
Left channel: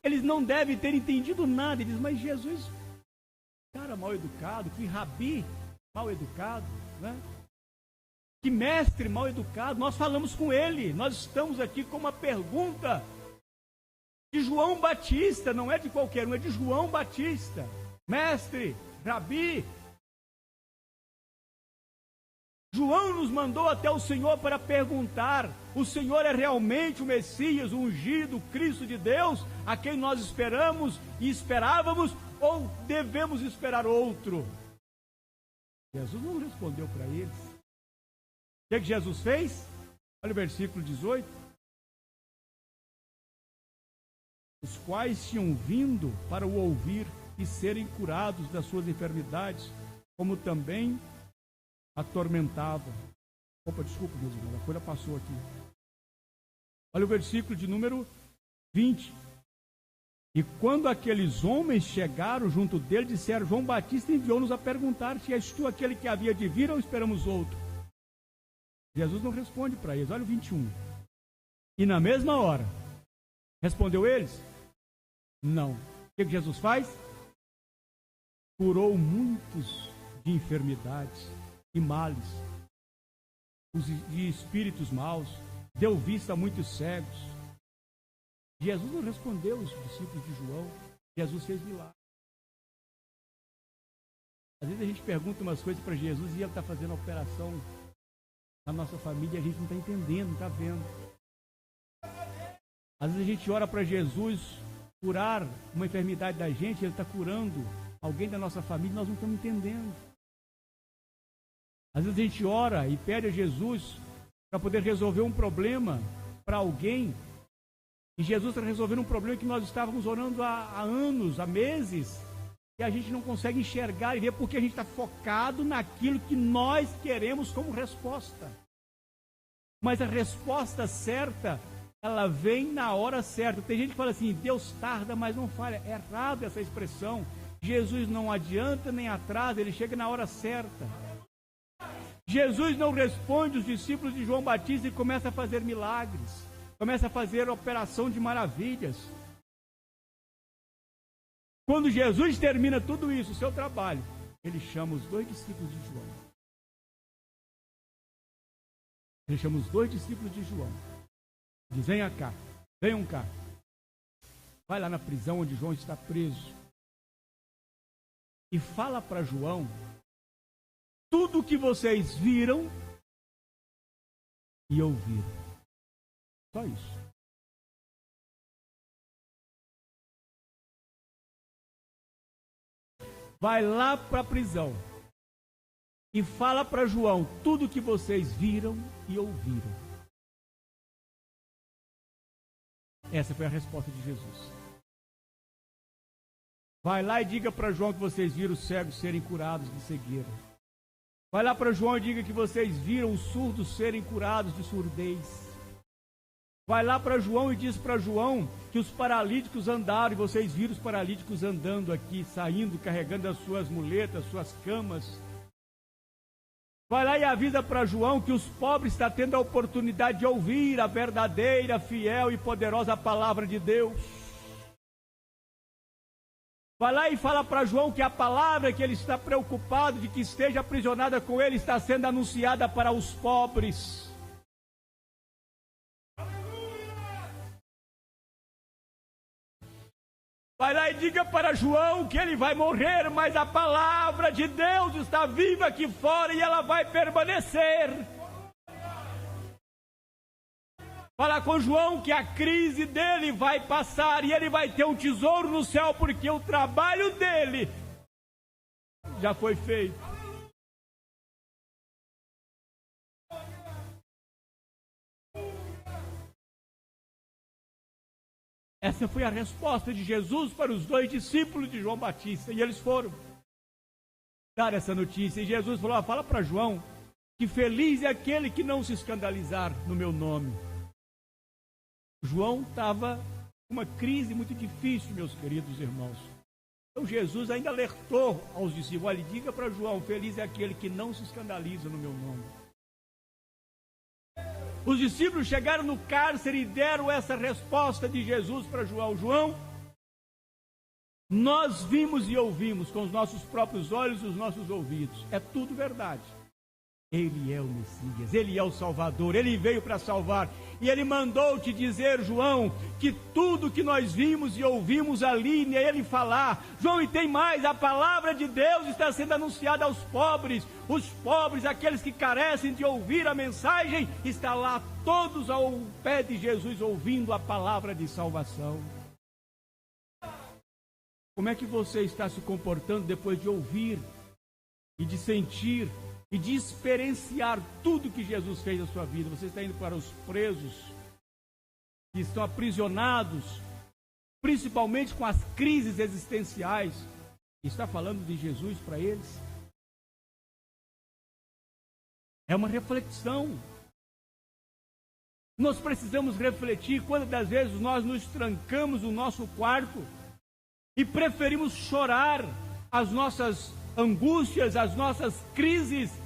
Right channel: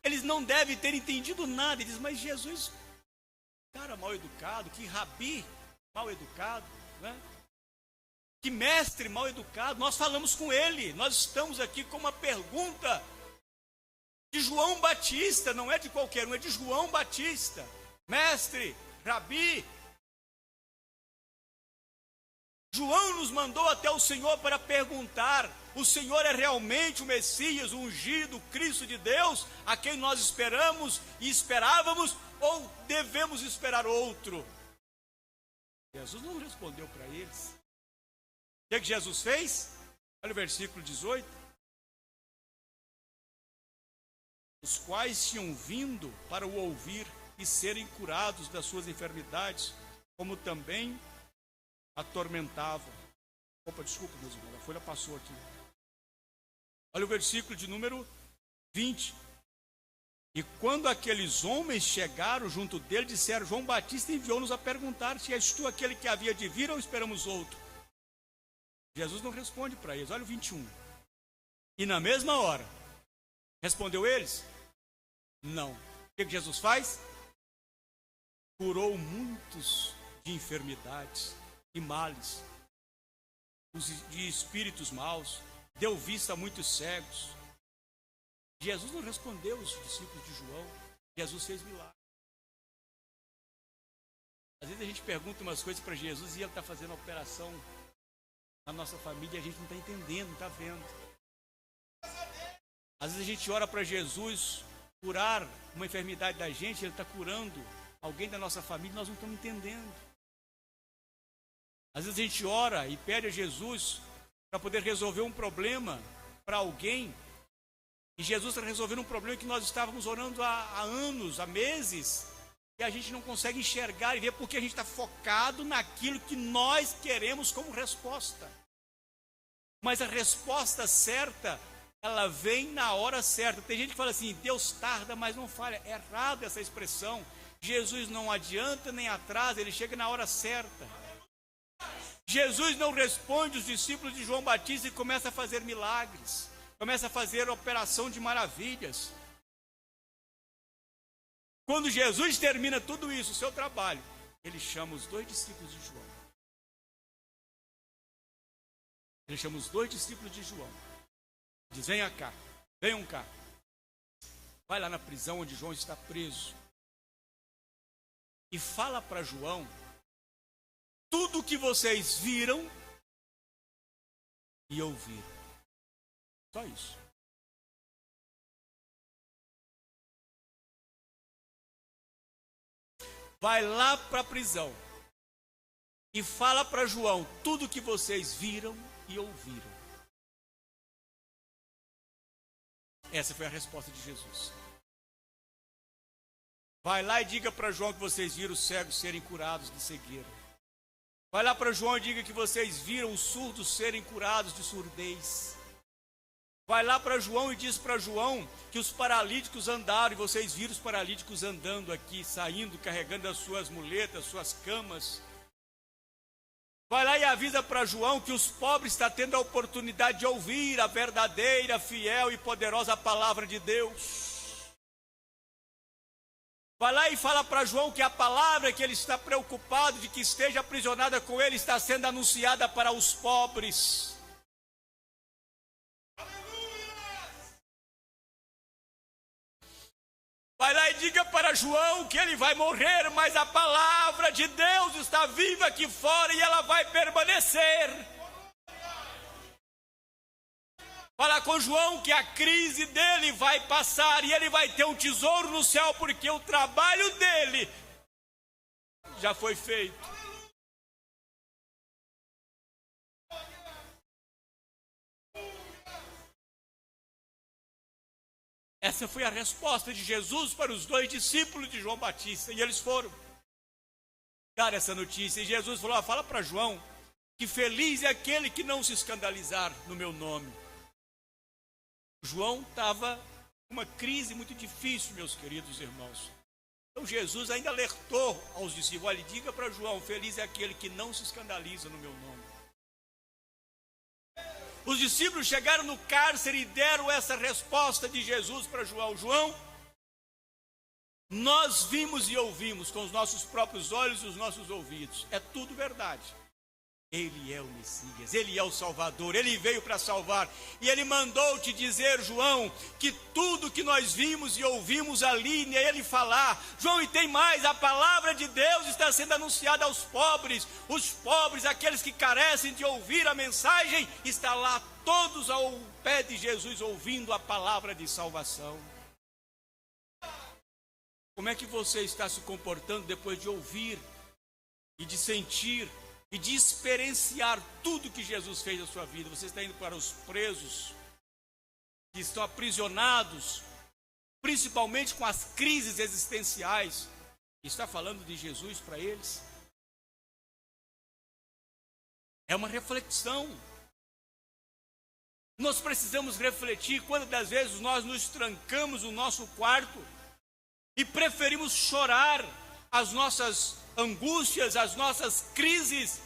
eles não devem ter entendido nada. Eles dizem: mas Jesus, cara mal educado, que rabi mal educado, né? Que mestre mal educado. Nós falamos com ele, nós estamos aqui com uma pergunta de João Batista, não é de qualquer um, é de João Batista. Mestre, rabi, João nos mandou até o Senhor para perguntar: o Senhor é realmente o Messias, o ungido, o Cristo de Deus, a quem nós esperamos e esperávamos, ou devemos esperar outro? Jesus não respondeu para eles. O que Jesus fez? Olha o versículo 18. Os quais tinham vindo para o ouvir e serem curados das suas enfermidades, como também atormentavam. Opa, desculpa, meus irmãos, a folha passou aqui. Olha o versículo de número 20. E quando aqueles homens chegaram junto dele, disseram: João Batista enviou-nos a perguntar se és tu aquele que havia de vir ou esperamos outro. Jesus não responde para eles. Olha o 21. E na mesma hora, respondeu eles? Não. O que Jesus faz? Curou muitos de enfermidades e males, de espíritos maus, deu vista a muitos cegos. Jesus não respondeu os discípulos de João. Jesus fez milagre. Às vezes a gente pergunta umas coisas para Jesus e ele está fazendo a operação na nossa família e a gente não está entendendo, não está vendo. Às vezes a gente ora para Jesus curar uma enfermidade da gente, ele está curando alguém da nossa família e nós não estamos entendendo. Às vezes a gente ora e pede a Jesus para poder resolver um problema para alguém, e Jesus está resolvendo um problema que nós estávamos orando há anos, há meses, e a gente não consegue enxergar e ver porque a gente está focado naquilo que nós queremos como resposta. Mas a resposta certa, ela vem na hora certa. Tem gente que fala assim: Deus tarda, mas não falha. É errado essa expressão. Jesus não adianta nem atrasa, ele chega na hora certa. Jesus não responde os discípulos de João Batista e começa a fazer milagres, começa a fazer operação de maravilhas. Quando Jesus termina tudo isso, o seu trabalho, ele chama os 2 discípulos de João. Ele chama os 2 discípulos de João. Diz: venham cá, venham cá. Vai lá na prisão onde João está preso. E fala para João tudo o que vocês viram e ouviram. Só isso. Vai lá para a prisão e fala para João tudo o que vocês viram e ouviram. Essa foi a resposta de Jesus. Vai lá e diga para João que vocês viram os cegos serem curados de cegueira. Vai lá para João e diga que vocês viram os surdos serem curados de surdez. Vai lá para João e diz para João que os paralíticos andaram e vocês viram os paralíticos andando aqui, saindo, carregando as suas muletas, suas camas. Vai lá e avisa para João que os pobres estão tendo a oportunidade de ouvir a verdadeira, fiel e poderosa palavra de Deus. Vai lá e fala para João que a palavra que ele está preocupado de que esteja aprisionada com ele está sendo anunciada para os pobres. Vai lá e diga para João que ele vai morrer, mas a palavra de Deus está viva aqui fora e ela vai permanecer. Fala com João que a crise dele vai passar e ele vai ter um tesouro no céu, porque o trabalho dele já foi feito. Essa foi a resposta de Jesus para os 2 discípulos de João Batista. E eles foram dar essa notícia. E Jesus falou: fala para João que feliz é aquele que não se escandalizar no meu nome. João estava com uma crise muito difícil, meus queridos irmãos. Então Jesus ainda alertou aos discípulos: olha, diga para João, feliz é aquele que não se escandaliza no meu nome. Os discípulos chegaram no cárcere e deram essa resposta de Jesus para João: João, nós vimos e ouvimos com os nossos próprios olhos e os nossos ouvidos. É tudo verdade. Ele é o Messias, Ele é o Salvador, Ele veio para salvar. E Ele mandou te dizer, João, que tudo que nós vimos e ouvimos ali, nele falar. João, e tem mais, a palavra de Deus está sendo anunciada aos pobres. Os pobres, aqueles que carecem de ouvir a mensagem, está lá todos ao pé de Jesus ouvindo a palavra de salvação. Como é que você está se comportando depois de ouvir e de sentir e de experienciar tudo que Jesus fez na sua vida? Você está indo para os presos que estão aprisionados, principalmente com as crises existenciais, e está falando de Jesus para eles? É uma reflexão. Nós precisamos refletir quantas das vezes nós nos trancamos no nosso quarto e preferimos chorar as nossas angústias, as nossas crises.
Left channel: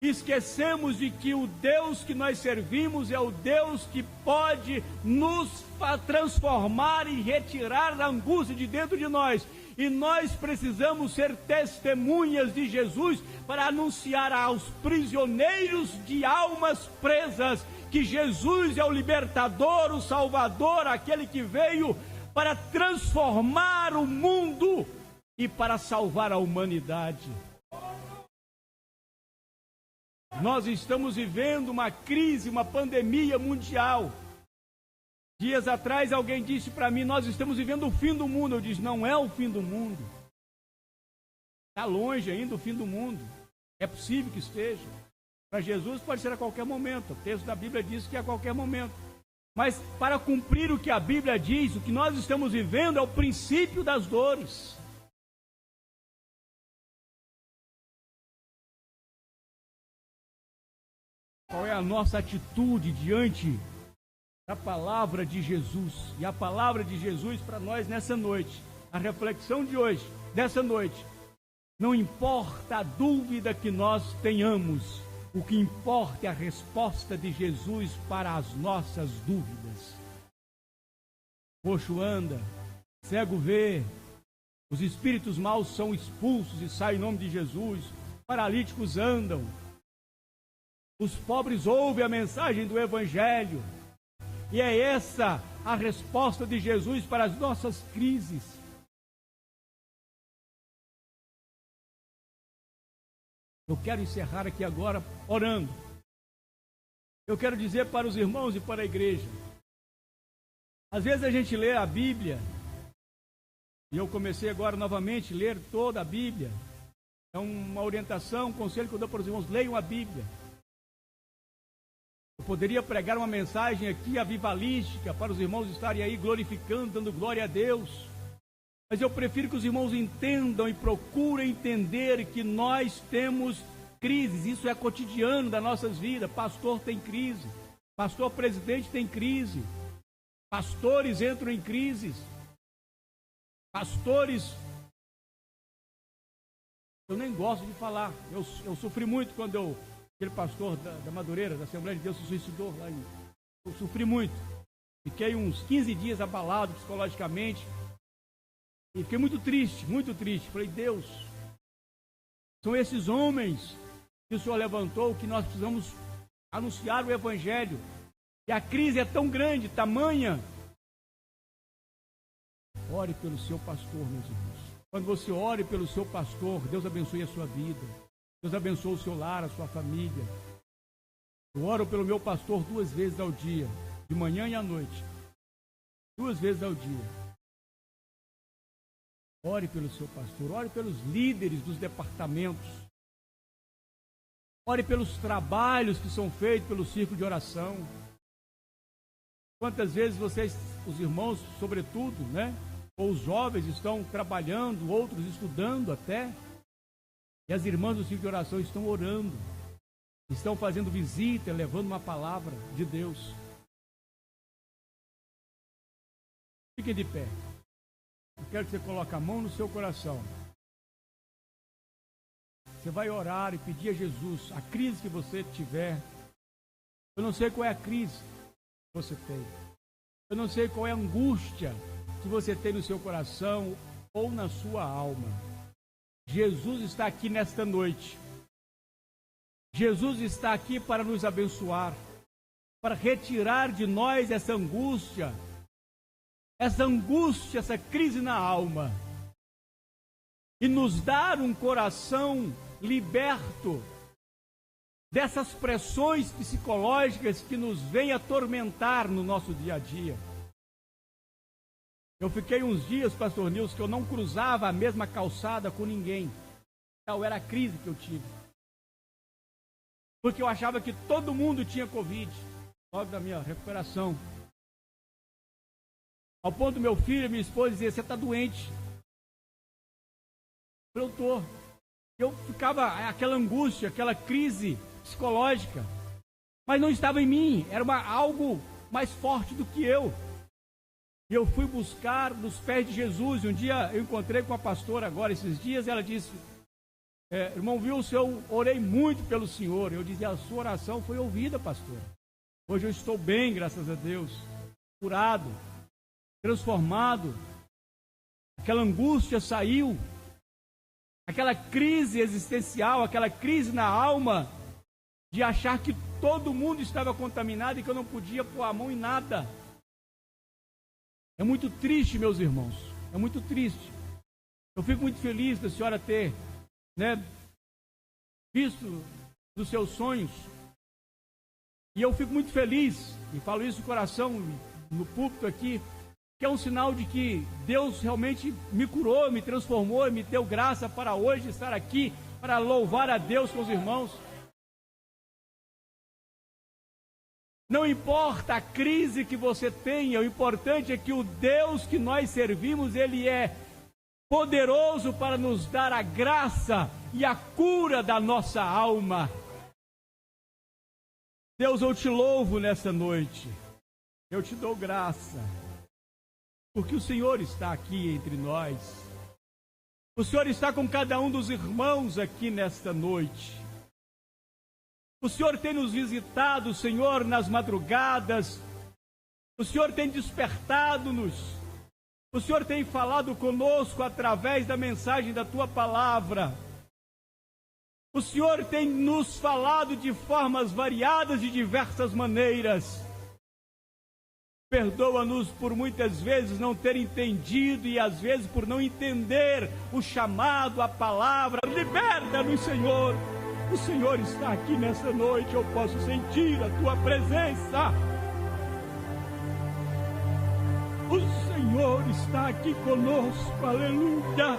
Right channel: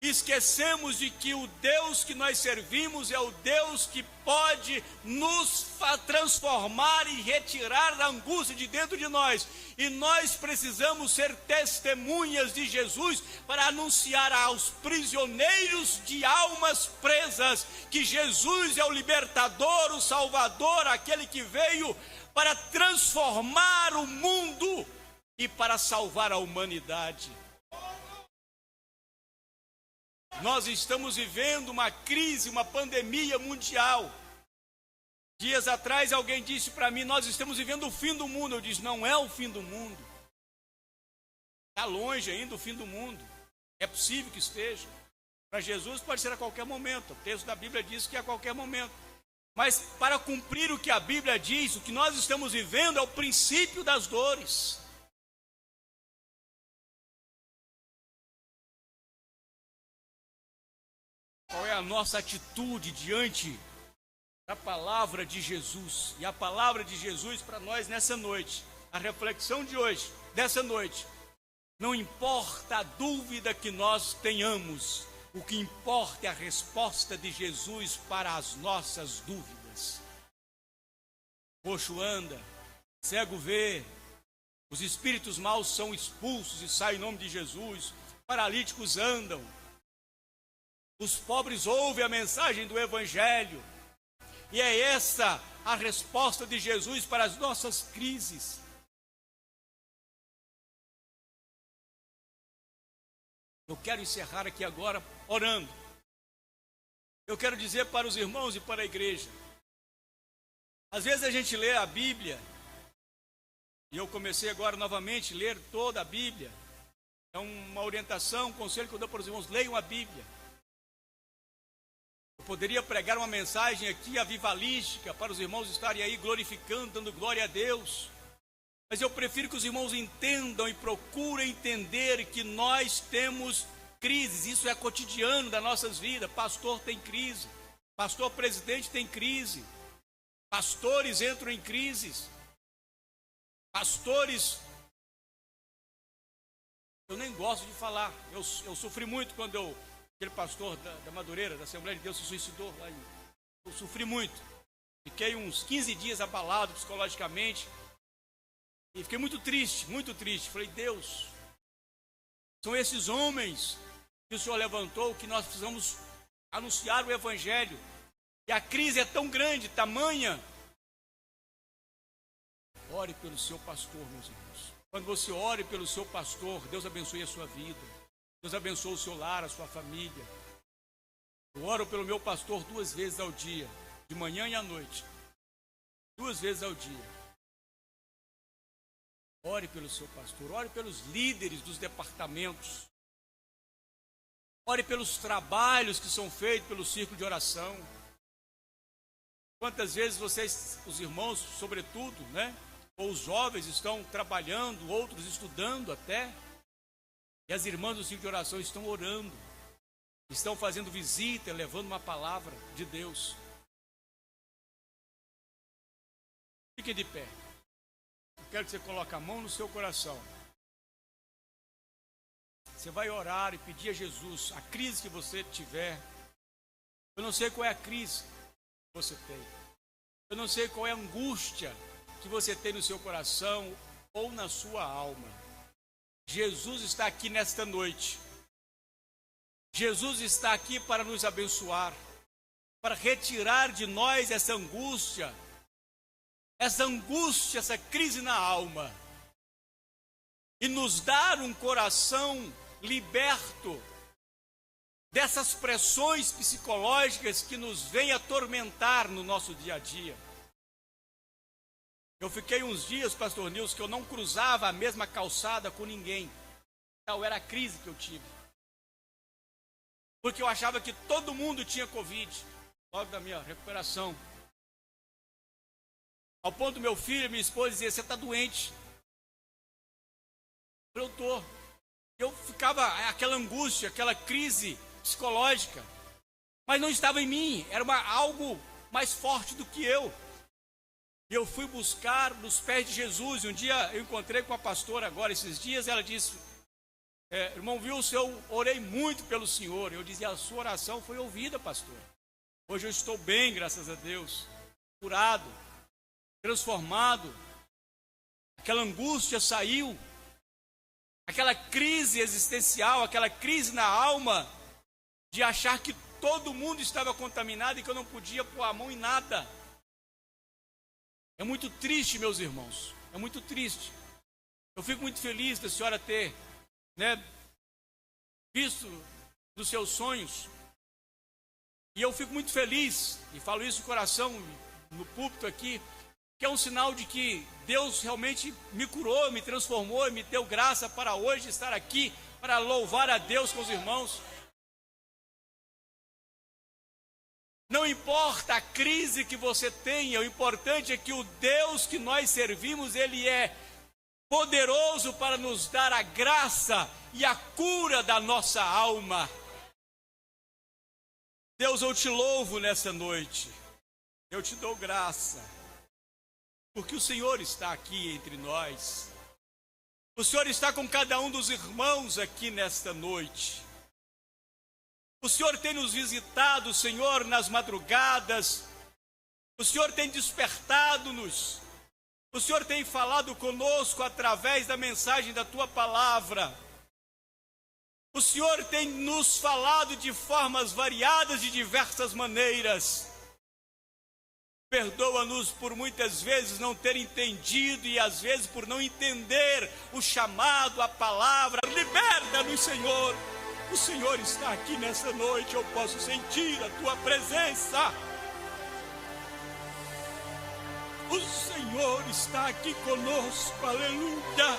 Esquecemos de que o Deus que nós servimos é o Deus que pode nos transformar e retirar a angústia de dentro de nós. E nós precisamos ser testemunhas de Jesus para anunciar aos prisioneiros de almas presas que Jesus é o libertador, o salvador, aquele que veio para transformar o mundo e para salvar a humanidade. Nós estamos vivendo uma crise, uma pandemia mundial. Dias atrás alguém disse para mim: nós estamos vivendo o fim do mundo. Eu disse: não é o fim do mundo. Está longe ainda o fim do mundo. É possível que esteja. Para Jesus pode ser a qualquer momento. O texto da Bíblia diz que é a qualquer momento. Mas para cumprir o que a Bíblia diz, o que nós estamos vivendo é o princípio das dores. Qual é a nossa atitude diante da palavra de Jesus? E a palavra de Jesus para nós nessa noite, a reflexão de hoje, dessa noite: não importa a dúvida que nós tenhamos, o que importa é a resposta de Jesus para as nossas dúvidas. Coxo anda, cego vê, os espíritos maus são expulsos e saem em nome de Jesus, paralíticos andam, os pobres ouvem a mensagem do Evangelho. E é essa a resposta de Jesus para as nossas crises. Eu quero encerrar aqui agora orando. Eu quero dizer para os irmãos e para a igreja: às vezes a gente lê a Bíblia, e eu comecei agora novamente a ler toda a Bíblia. É uma orientação, um conselho que eu dou para os irmãos: leiam a Bíblia. Eu poderia pregar uma mensagem aqui avivalística para os irmãos estarem aí glorificando, dando glória a Deus. Mas eu prefiro que os irmãos entendam e procurem entender que nós temos crises. Isso é cotidiano das nossas vidas. Pastor tem crise, pastor presidente tem crise, pastores entram em crises, pastores... Eu nem gosto de falar. Eu sofri muito quando aquele pastor da Madureira, da Assembleia de Deus, se suicidou lá. Eu sofri muito. Fiquei uns 15 dias abalado psicologicamente. E fiquei muito triste, muito triste. Falei: Deus, são esses homens que o Senhor levantou, que nós precisamos anunciar o Evangelho. E a crise é tão grande, tamanha. Ore pelo seu pastor, meus irmãos. Quando você ore pelo seu pastor, Deus abençoe a sua vida. Deus abençoe o seu lar, a sua família. Eu oro pelo meu pastor 2 vezes ao dia, de manhã e à noite. 2 vezes ao dia. Ore pelo seu pastor, ore pelos líderes dos departamentos. Ore pelos trabalhos que são feitos pelo círculo de oração. Quantas vezes vocês, os irmãos, sobretudo, né? Ou os jovens estão trabalhando, outros estudando até. E as irmãs do círculo de oração estão orando. Estão fazendo visita, levando uma palavra de Deus. Fique de pé. Eu quero que você coloque a mão no seu coração. Você vai orar e pedir a Jesus a crise que você tiver. Eu não sei qual é a crise que você tem. Eu não sei qual é a angústia que você tem no seu coração ou na sua alma. Jesus está aqui nesta noite. Jesus está aqui para nos abençoar, para retirar de nós essa angústia, essa crise na alma, e nos dar um coração liberto dessas pressões psicológicas que nos vêm atormentar no nosso dia a dia. Eu fiquei uns dias, pastor Nilson, que eu não cruzava a mesma calçada com ninguém. Tal era a crise que eu tive. Porque eu achava que todo mundo tinha Covid, logo da minha recuperação. Ao ponto do meu filho e minha esposa dizer: você está doente. Eu estou. Eu ficava aquela angústia, aquela crise psicológica. Mas não estava em mim, era algo mais forte do que eu. E eu fui buscar nos pés de Jesus. E um dia eu encontrei com a pastora agora, esses dias, e ela disse: irmão Wilson, eu orei muito pelo senhor. Eu dizia: a sua oração foi ouvida, pastor. Hoje eu estou bem, graças a Deus, curado, transformado. Aquela angústia saiu, aquela crise existencial, aquela crise na alma, de achar que todo mundo estava contaminado e que eu não podia pôr a mão em nada. É muito triste, meus irmãos, é muito triste. Eu fico muito feliz da senhora ter, visto dos seus sonhos. E eu fico muito feliz, e falo isso no coração, no púlpito aqui, que é um sinal de que Deus realmente me curou, me transformou, me deu graça para hoje estar aqui, para louvar a Deus com os irmãos. Não importa a crise que você tenha, o importante é que o Deus que nós servimos, Ele é poderoso para nos dar a graça e a cura da nossa alma. Deus, eu te louvo nessa noite, eu te dou graça, porque o Senhor está aqui entre nós. O Senhor está com cada um dos irmãos aqui nesta noite. O Senhor tem nos visitado, Senhor, nas madrugadas. O Senhor tem despertado-nos. O Senhor tem falado conosco através da mensagem da Tua palavra. O Senhor tem nos falado de formas variadas, de diversas maneiras. Perdoa-nos por muitas vezes não ter entendido e às vezes por não entender o chamado, a palavra. Liberta-nos, Senhor. O Senhor está aqui nessa noite, eu posso sentir a Tua presença. O Senhor está aqui conosco, aleluia.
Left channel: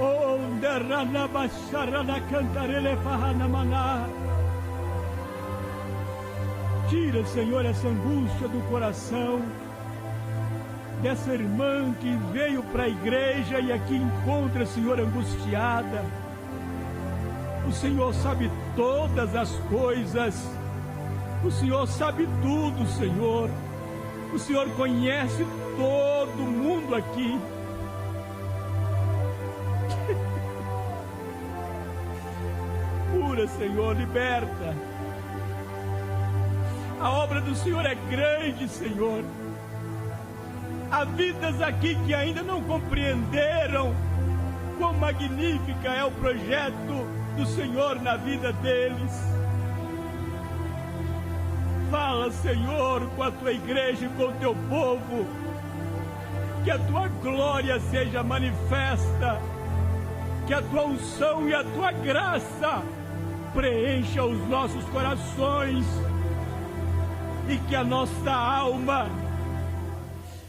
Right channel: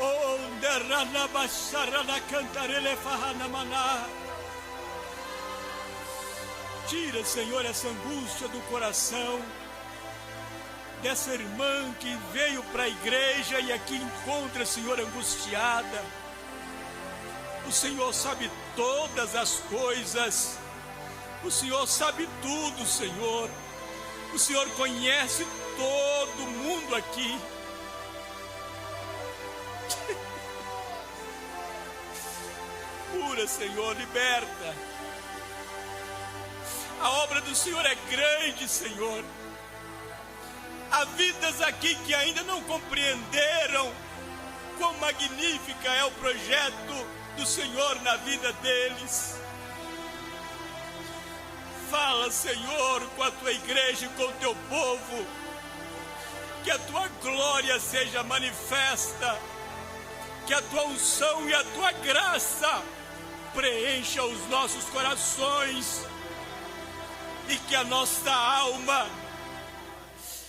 Oh, derrana basharana cantarele fahana maná. Tira, Senhor, essa angústia do coração dessa irmã que veio para a igreja e aqui encontra, Senhor, angustiada. O Senhor sabe todas as coisas. O Senhor sabe tudo, Senhor. O Senhor conhece todo mundo aqui. Cura, Senhor, liberta. A obra do Senhor é grande, Senhor. Há vidas aqui que ainda não compreenderam quão magnífica é o projeto do Senhor na vida deles. Fala, Senhor, com a tua igreja e com o teu povo. Que a tua glória seja manifesta. Que a tua unção e a tua graça preencha os nossos corações. E que a nossa alma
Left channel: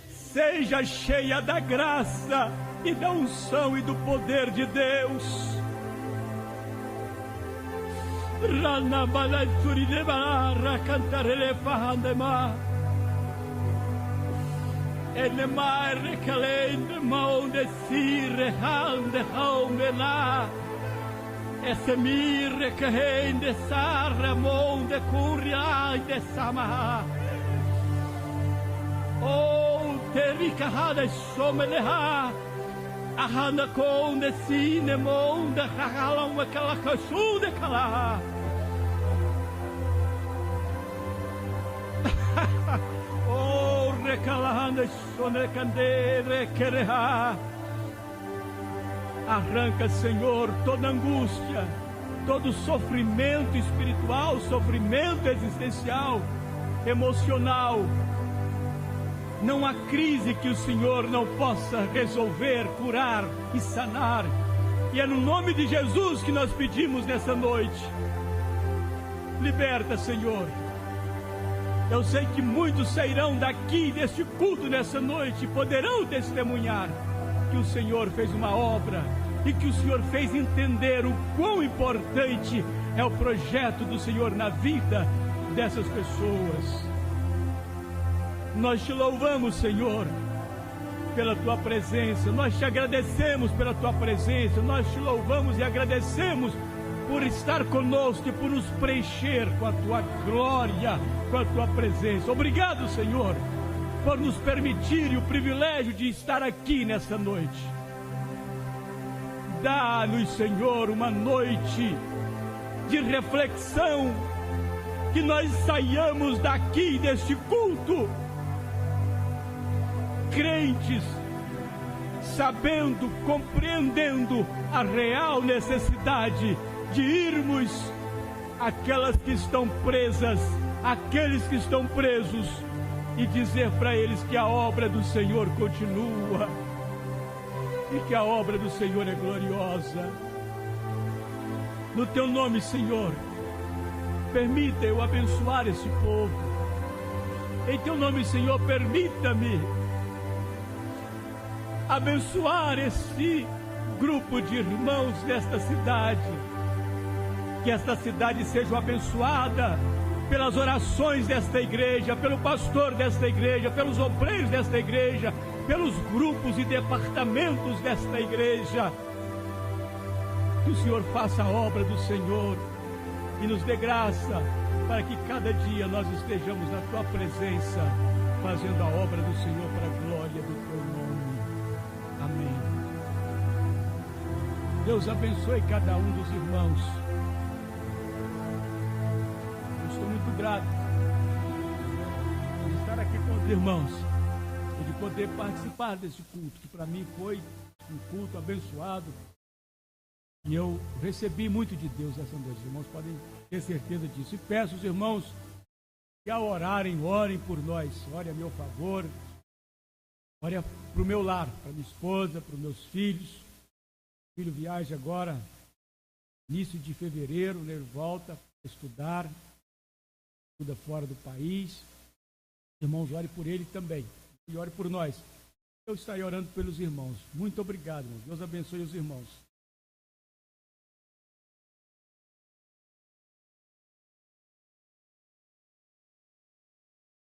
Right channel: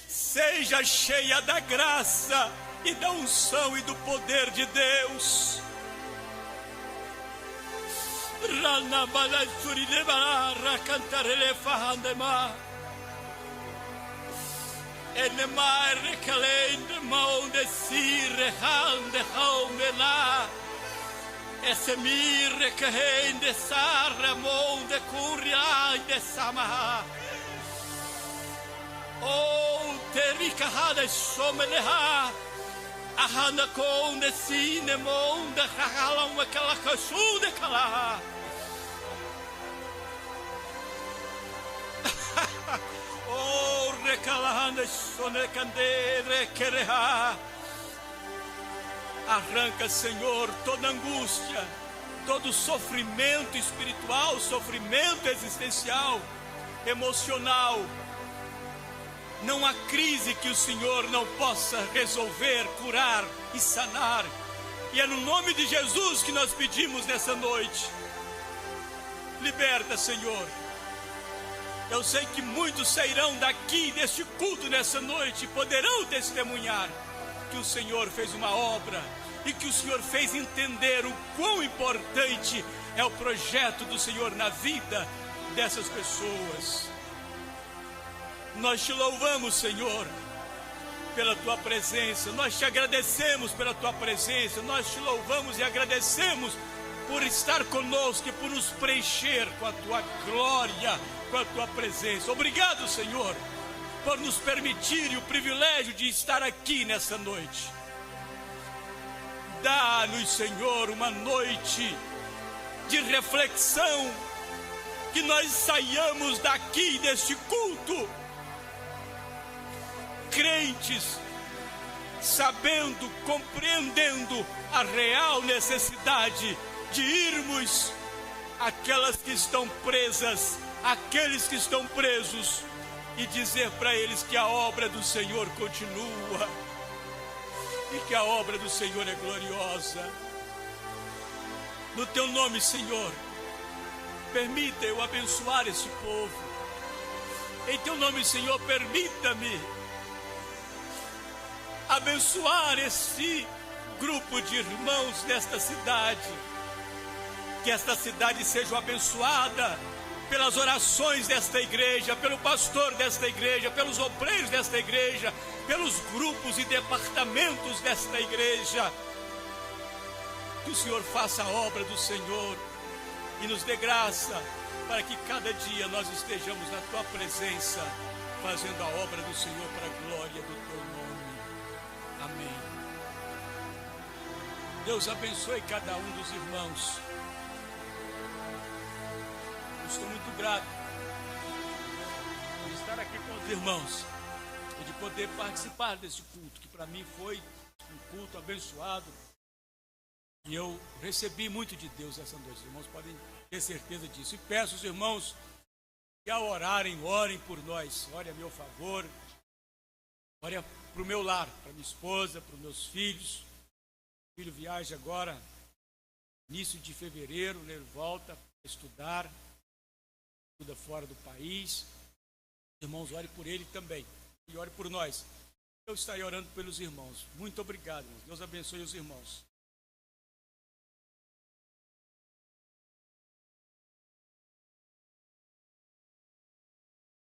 seja cheia da graça e da unção e do poder de Deus. Oh, terika hada someleha ahana konde sine monde khala makala kasude kala. Oh, recalahanda sonecandere quereha. Arranca, Senhor, toda angústia, todo sofrimento espiritual, sofrimento existencial, emocional. Não há crise que o Senhor não possa resolver, curar e sanar. E é no nome de Jesus que nós pedimos nessa noite. Liberta, Senhor. Eu sei que muitos sairão daqui deste culto nessa noite e poderão testemunhar que o Senhor fez uma obra e que o Senhor fez entender o quão importante é o projeto do Senhor na vida dessas pessoas. Nós te louvamos, Senhor, pela tua presença. Nós te agradecemos pela tua presença. Nós te louvamos e agradecemos por estar conosco e por nos preencher com a tua glória, com a tua presença. Obrigado, Senhor, por nos permitir o privilégio de estar aqui nessa noite. Dá-nos, Senhor, uma noite de reflexão, que nós saiamos daqui deste culto crentes, sabendo, compreendendo a real necessidade de irmos àquelas que estão presas, àqueles que estão presos, e dizer para eles que a obra do Senhor continua e que a obra do Senhor é gloriosa. No teu nome, Senhor, permita eu abençoar esse povo. Em teu nome, Senhor, permita-me abençoar esse grupo de irmãos desta cidade. Que esta cidade seja abençoada pelas orações desta igreja, pelo pastor desta igreja, pelos obreiros desta igreja, pelos grupos e departamentos desta igreja. Que o Senhor faça a obra do Senhor e nos dê graça para que cada dia nós estejamos na tua presença, fazendo a obra do Senhor para a glória do teu nome. Amém. Deus abençoe cada um dos irmãos. Estou muito grato por estar aqui com os irmãos e de poder participar desse culto, que para mim foi um culto abençoado. E eu recebi muito de Deus essa noite. Os irmãos podem ter certeza disso. E peço aos irmãos que ao orarem, orem por nós. Orem a meu favor. Orem para o meu lar, para minha esposa, para os meus filhos. O filho viaja agora, início de fevereiro, né? Ele volta para estudar. Estuda fora do país. Irmãos, ore por ele também. E ore por nós. Eu estarei orando pelos irmãos. Muito obrigado, irmãos. Deus abençoe os irmãos.